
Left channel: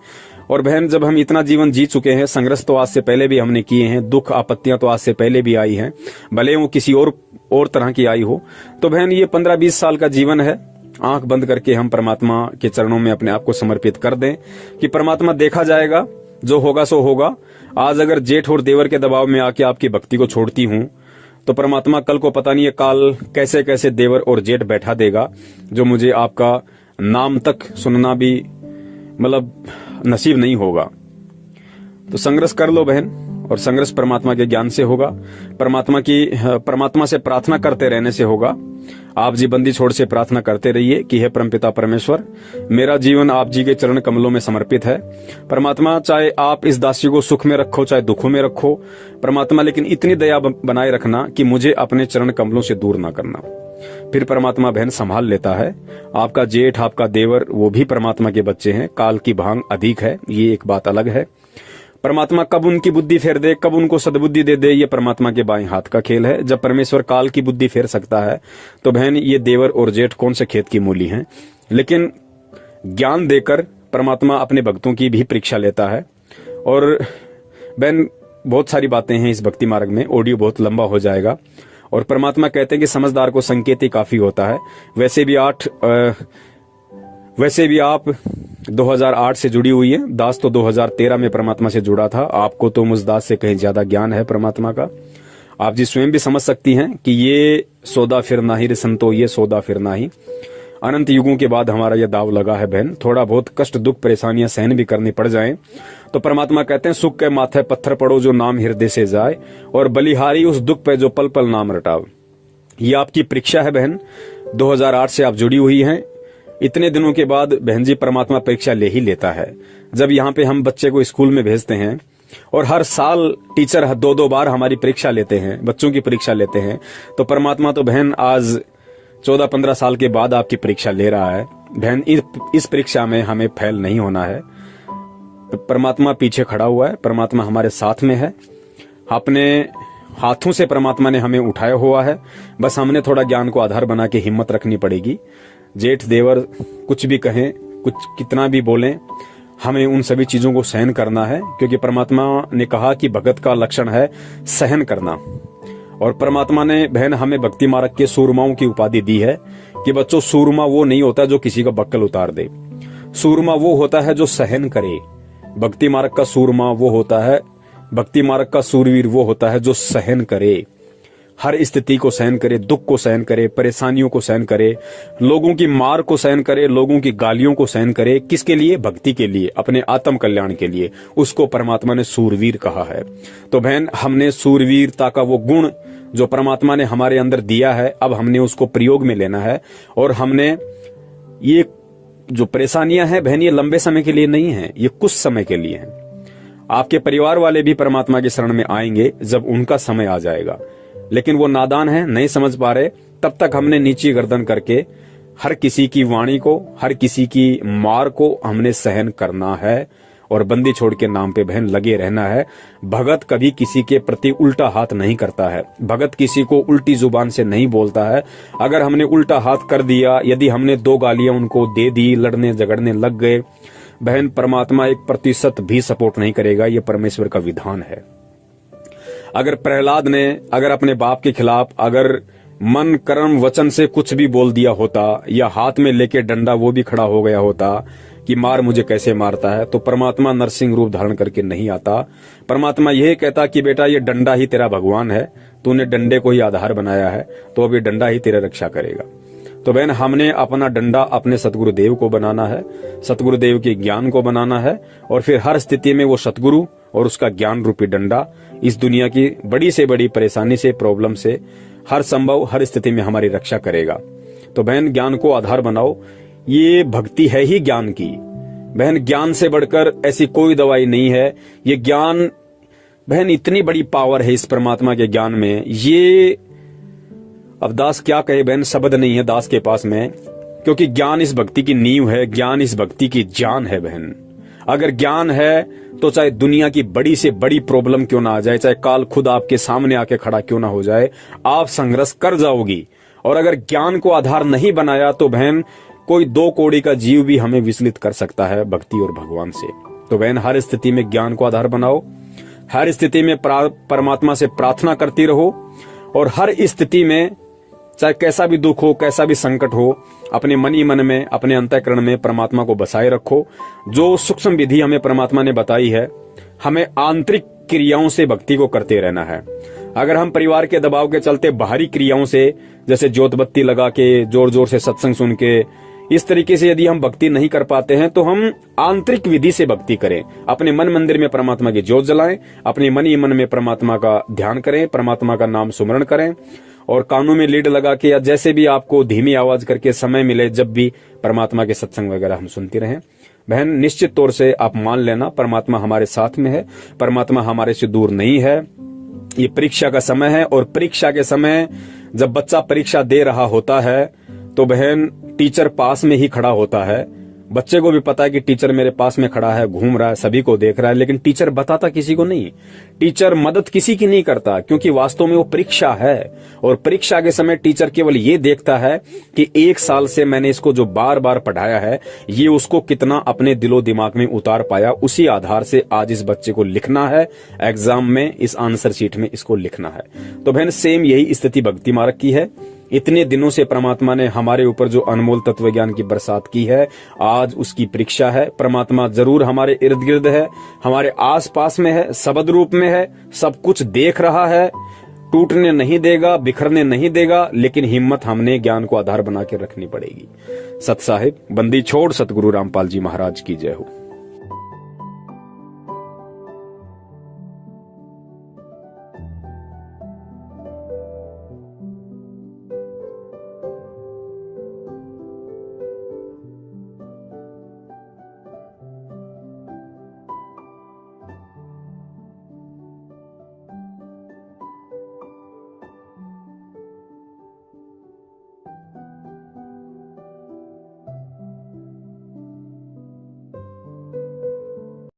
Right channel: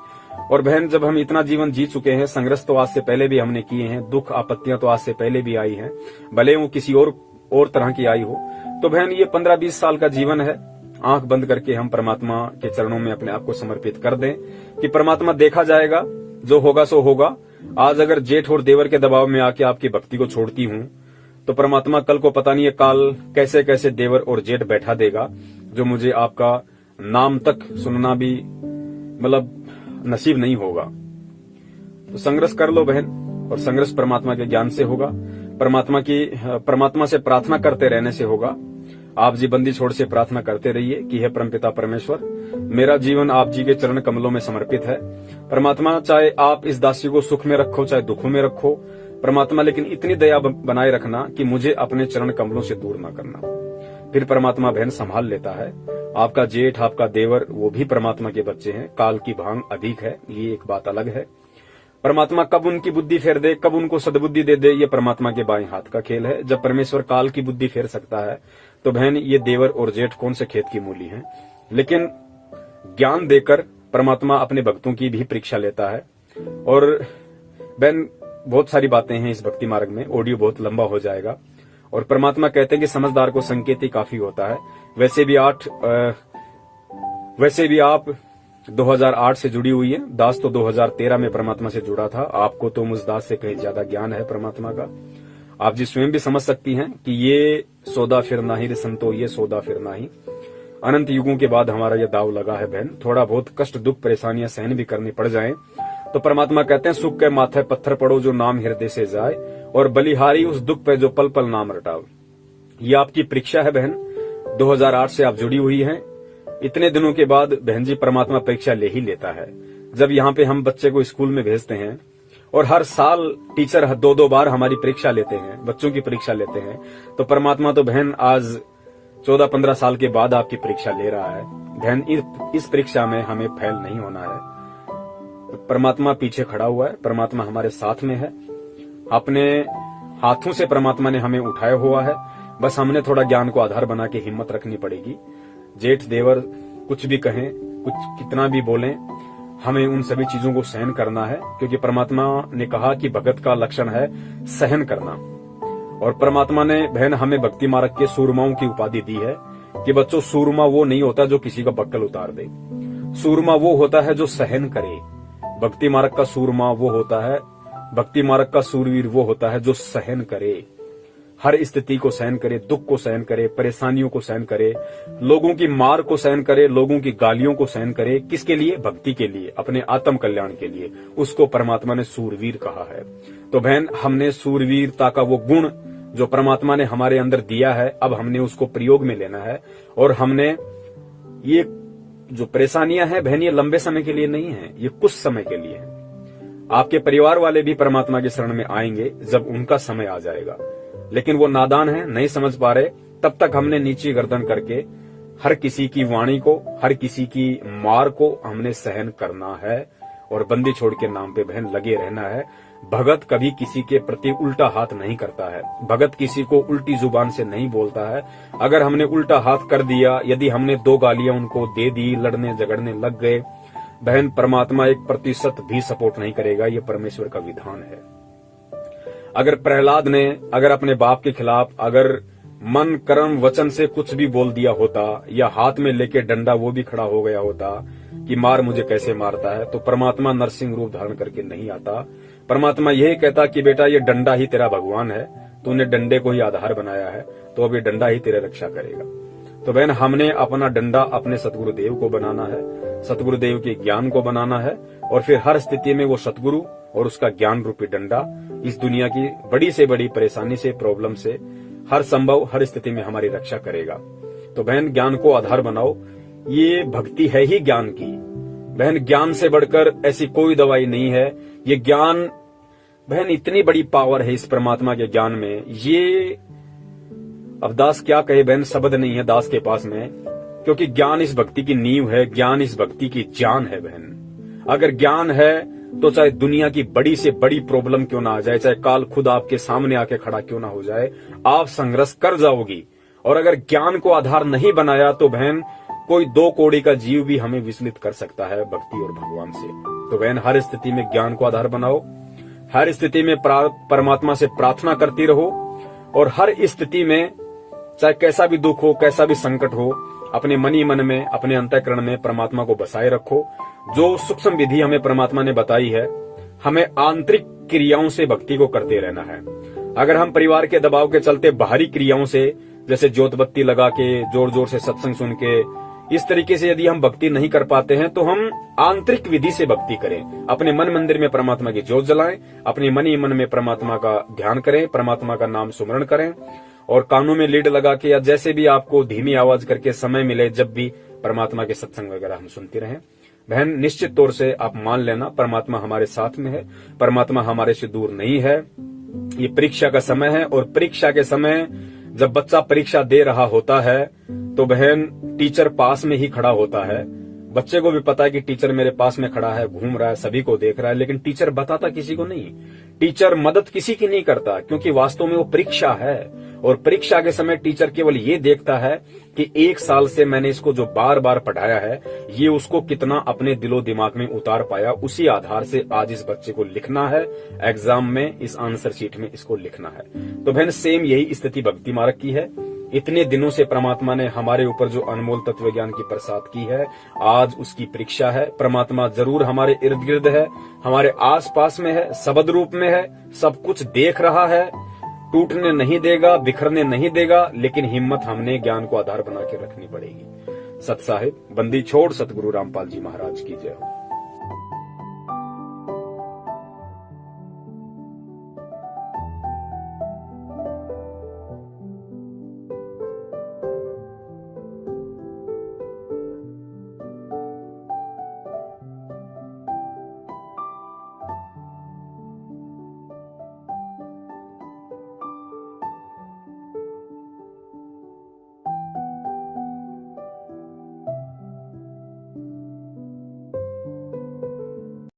और बहन जब हम इतना जीवन जी चुके हैं, संघर्ष तो आज से पहले भी हमने किए हैं, दुख आपत्तियां तो आज से पहले भी आई हैं, भले वो किसी और तरह की आई हो। तो बहन ये 15-20 साल का जीवन है, आंख बंद करके हम परमात्मा के चरणों में अपने आप को समर्पित कर दें कि परमात्मा देखा जाएगा, जो होगा सो होगा। आज अगर जेठ और देवर के दबाव में आके आपकी भक्ति को छोड़ती हूं, तो परमात्मा कल को पता नहीं है काल कैसे कैसे देवर और जेठ बैठा देगा, जो मुझे आपका नाम तक सुनना भी मतलब नसीब नहीं होगा। तो संघर्ष कर लो बहन, और संघर्ष परमात्मा के ज्ञान से होगा, परमात्मा से प्रार्थना करते रहने से होगा। आप जी बंदी छोड़ से प्रार्थना करते रहिए कि हे परमपिता परमेश्वर, मेरा जीवन आप जी के चरण कमलों में समर्पित है। परमात्मा चाहे आप इस दासी को सुख में रखो चाहे दुखों में रखो परमात्मा, लेकिन इतनी दया बनाए रखना कि मुझे अपने चरण कमलों से दूर ना करना। फिर परमात्मा बहन संभाल लेता है। आपका जेठ आपका देवर वो भी परमात्मा के बच्चे हैं, काल की भांग अधिक है, ये एक बात अलग है। परमात्मा कब उनकी बुद्धि फेर दे, कब उनको सद्बुद्धि दे दे, ये परमात्मा के बाएं हाथ का खेल है। जब परमेश्वर काल की बुद्धि फेर सकता है तो बहन ये देवर और जेठ कौन से खेत की मूली हैं। लेकिन ज्ञान देकर परमात्मा अपने भक्तों की भी परीक्षा लेता है। और बहन बहुत सारी बातें हैं इस भक्ति मार्ग में, ऑडियो बहुत लंबा हो जाएगा। और परमात्मा कहते हैं कि समझदार को संकेत ही काफी होता है। वैसे भी आप 2008 से जुड़ी हुई है, दास तो 2013 में परमात्मा से जुड़ा था। आपको तो मुझ दास से कहीं ज्यादा ज्ञान है परमात्मा का। आप जी स्वयं भी समझ सकती हैं कि ये सौदा फिर ना ही रे संतो, ये सौदा फिर ना ही। अनंत युगों के बाद हमारा यह दाव लगा है बहन। थोड़ा बहुत कष्ट दुख परेशानियां सहन भी करनी पड़ जाएं तो परमात्मा कहते हैं सुख के माथे पत्थर पड़ो जो नाम हृदय से जाए, और बलिहारी उस दुख पे जो पल पल नाम रटाओ। ये आपकी परीक्षा है बहन। 2008 से आप जुड़ी हुई हैं। इतने दिनों के बाद बहन जी परमात्मा परीक्षा ले ही लेता है। जब यहाँ पे हम बच्चे को स्कूल में भेजते हैं और हर साल टीचर 2-2 बार हमारी परीक्षा लेते हैं, बच्चों की परीक्षा लेते हैं, तो परमात्मा तो बहन आज 14-15 साल के बाद आपकी परीक्षा ले रहा है। बहन इस परीक्षा में हमें फेल नहीं होना है। परमात्मा पीछे खड़ा हुआ है, परमात्मा हमारे साथ में है। अपने हाथों से परमात्मा ने हमें उठाया हुआ है, बस हमने थोड़ा ज्ञान को आधार बना के हिम्मत रखनी पड़ेगी। जेठ देवर कुछ भी कहें, कुछ कितना भी बोलें, हमें उन सभी चीजों को सहन करना है, क्योंकि परमात्मा ने कहा कि भगत का लक्षण है सहन करना। और परमात्मा ने बहन हमें भक्ति मार्ग के सूरमाओं की उपाधि दी है कि बच्चों, सूरमा वो नहीं होता जो किसी का बक्कल उतार दे, सूरमा वो होता है जो सहन करे। भक्ति मार्ग का सूरमा वो होता है, भक्ति मार्ग का सूरवीर वो होता है जो सहन करे, हर स्थिति को सहन करे, दुख को सहन करे, परेशानियों को सहन करे, लोगों की मार को सहन करे, लोगों की गालियों को सहन करे। किसके लिए? भक्ति के लिए, अपने आत्म कल्याण के लिए। उसको परमात्मा ने सूरवीर कहा है। तो बहन, हमने सूरवीरता का वो गुण जो परमात्मा ने हमारे अंदर दिया है, अब हमने उसको प्रयोग में लेना है। और हमने ये जो परेशानियां हैं बहन, ये लंबे समय के लिए नहीं है, ये कुछ समय के लिए है। आपके परिवार वाले भी परमात्मा की शरण में आएंगे जब उनका समय आ जाएगा, लेकिन वो नादान है, नहीं समझ पा रहे। तब तक हमने नीची गर्दन करके हर किसी की वाणी को, हर किसी की मार को हमने सहन करना है और बंदी छोड़ के नाम पे बहन लगे रहना है। भगत कभी किसी के प्रति उल्टा हाथ नहीं करता है, भगत किसी को उल्टी जुबान से नहीं बोलता है। अगर हमने उल्टा हाथ कर दिया, यदि हमने 2 गालियां उनको दे दी, लड़ने झगड़ने लग गए, बहन परमात्मा 1% भी सपोर्ट नहीं करेगा। ये परमेश्वर का विधान है। अगर प्रहलाद ने अगर अपने बाप के खिलाफ अगर मन कर्म वचन से कुछ भी बोल दिया होता, या हाथ में लेके डंडा वो भी खड़ा हो गया होता कि मार मुझे कैसे मारता है, तो परमात्मा नरसिंह रूप धारण करके नहीं आता। परमात्मा यही कहता कि बेटा, ये डंडा ही तेरा भगवान है, तूने डंडे को ही आधार बनाया है, तो अब ये डंडा ही तेरे रक्षा करेगा। तो बहन, हमने अपना डंडा अपने सतगुरुदेव को बनाना है, सतगुरुदेव के ज्ञान को बनाना है, और फिर हर स्थिति में वो सतगुरु और उसका ज्ञान रूपी डंडा इस दुनिया की बड़ी से बड़ी परेशानी से, प्रॉब्लम से, हर संभव हर स्थिति में हमारी रक्षा करेगा। तो बहन, ज्ञान को आधार बनाओ। ये भक्ति है ही ज्ञान की। बहन, ज्ञान से बढ़कर ऐसी कोई दवाई नहीं है। ये ज्ञान बहन, इतनी बड़ी पावर है इस परमात्मा के ज्ञान में। ये अब दास क्या कहे बहन, शब्द नहीं है दास के पास में, क्योंकि ज्ञान इस भक्ति की नींव है, ज्ञान इस भक्ति की जान है बहन। अगर ज्ञान है तो चाहे दुनिया की बड़ी से बड़ी प्रॉब्लम क्यों ना आ जाए, चाहे काल खुद आपके सामने आके खड़ा क्यों ना हो जाए, आप संघर्ष कर जाओगी। और अगर ज्ञान को आधार नहीं बनाया तो बहन, कोई 2 कौड़ी का जीव भी हमें विचलित कर सकता है भक्ति और भगवान से। तो बहन, हर स्थिति में ज्ञान को आधार बनाओ, हर स्थिति में परमात्मा से प्रार्थना करती रहो, और हर स्थिति में चाहे कैसा भी दुख हो, कैसा भी संकट हो, अपने मन ही मन में, अपने अंतःकरण में परमात्मा को बसाए रखो। जो सूक्ष्म विधि हमें परमात्मा ने बताई है, हमें आंतरिक क्रियाओं से भक्ति को करते रहना है। अगर हम परिवार के दबाव के चलते बाहरी क्रियाओं से, जैसे ज्योत बत्ती लगा के, जोर जोर से सत्संग सुन के, इस तरीके से यदि हम भक्ति नहीं कर पाते हैं, तो हम आंतरिक विधि से भक्ति करें। अपने मन मंदिर में परमात्मा की ज्योत जलाएं, अपने मन ही मन में परमात्मा का ध्यान करें, परमात्मा का नाम सुमरण करें, और कानों में लीड लगा के या जैसे भी आपको धीमी आवाज करके समय मिले, जब भी परमात्मा के सत्संग वगैरह हम सुनते रहें। बहन, निश्चित तौर से आप मान लेना, परमात्मा हमारे साथ में है, परमात्मा हमारे से दूर नहीं है। ये परीक्षा का समय है, और परीक्षा के समय जब बच्चा परीक्षा दे रहा होता है तो बहन, टीचर पास में ही खड़ा होता है। बच्चे को भी पता है कि टीचर मेरे पास में खड़ा है, घूम रहा है, सभी को देख रहा है, लेकिन टीचर बताता किसी को नहीं। टीचर मदद किसी की नहीं करता, क्योंकि वास्तव में वो परीक्षा है। और परीक्षा के समय टीचर केवल ये देखता है कि 1 साल से मैंने इसको जो बार बार पढ़ाया है, ये उसको कितना अपने दिलो दिमाग में उतार पाया। उसी आधार से आज इस बच्चे को लिखना है एग्जाम में, इस आंसर शीट में इसको लिखना है। तो बहन, सेम यही स्थिति भक्ति मार्ग की है। इतने दिनों से परमात्मा ने हमारे ऊपर जो अनमोल तत्व ज्ञान की बरसात की है, आज उसकी परीक्षा है। परमात्मा जरूर हमारे इर्द गिर्द है, हमारे आस पास में है, शब्द रूप में है, सब कुछ देख रहा है, टूटने नहीं देगा, बिखरने नहीं देगा, लेकिन हिम्मत हमने ज्ञान को आधार बना के रखनी पड़ेगी। सत साहिब, बंदी छोड़ सतगुरु रामपाल जी महाराज की जय हो।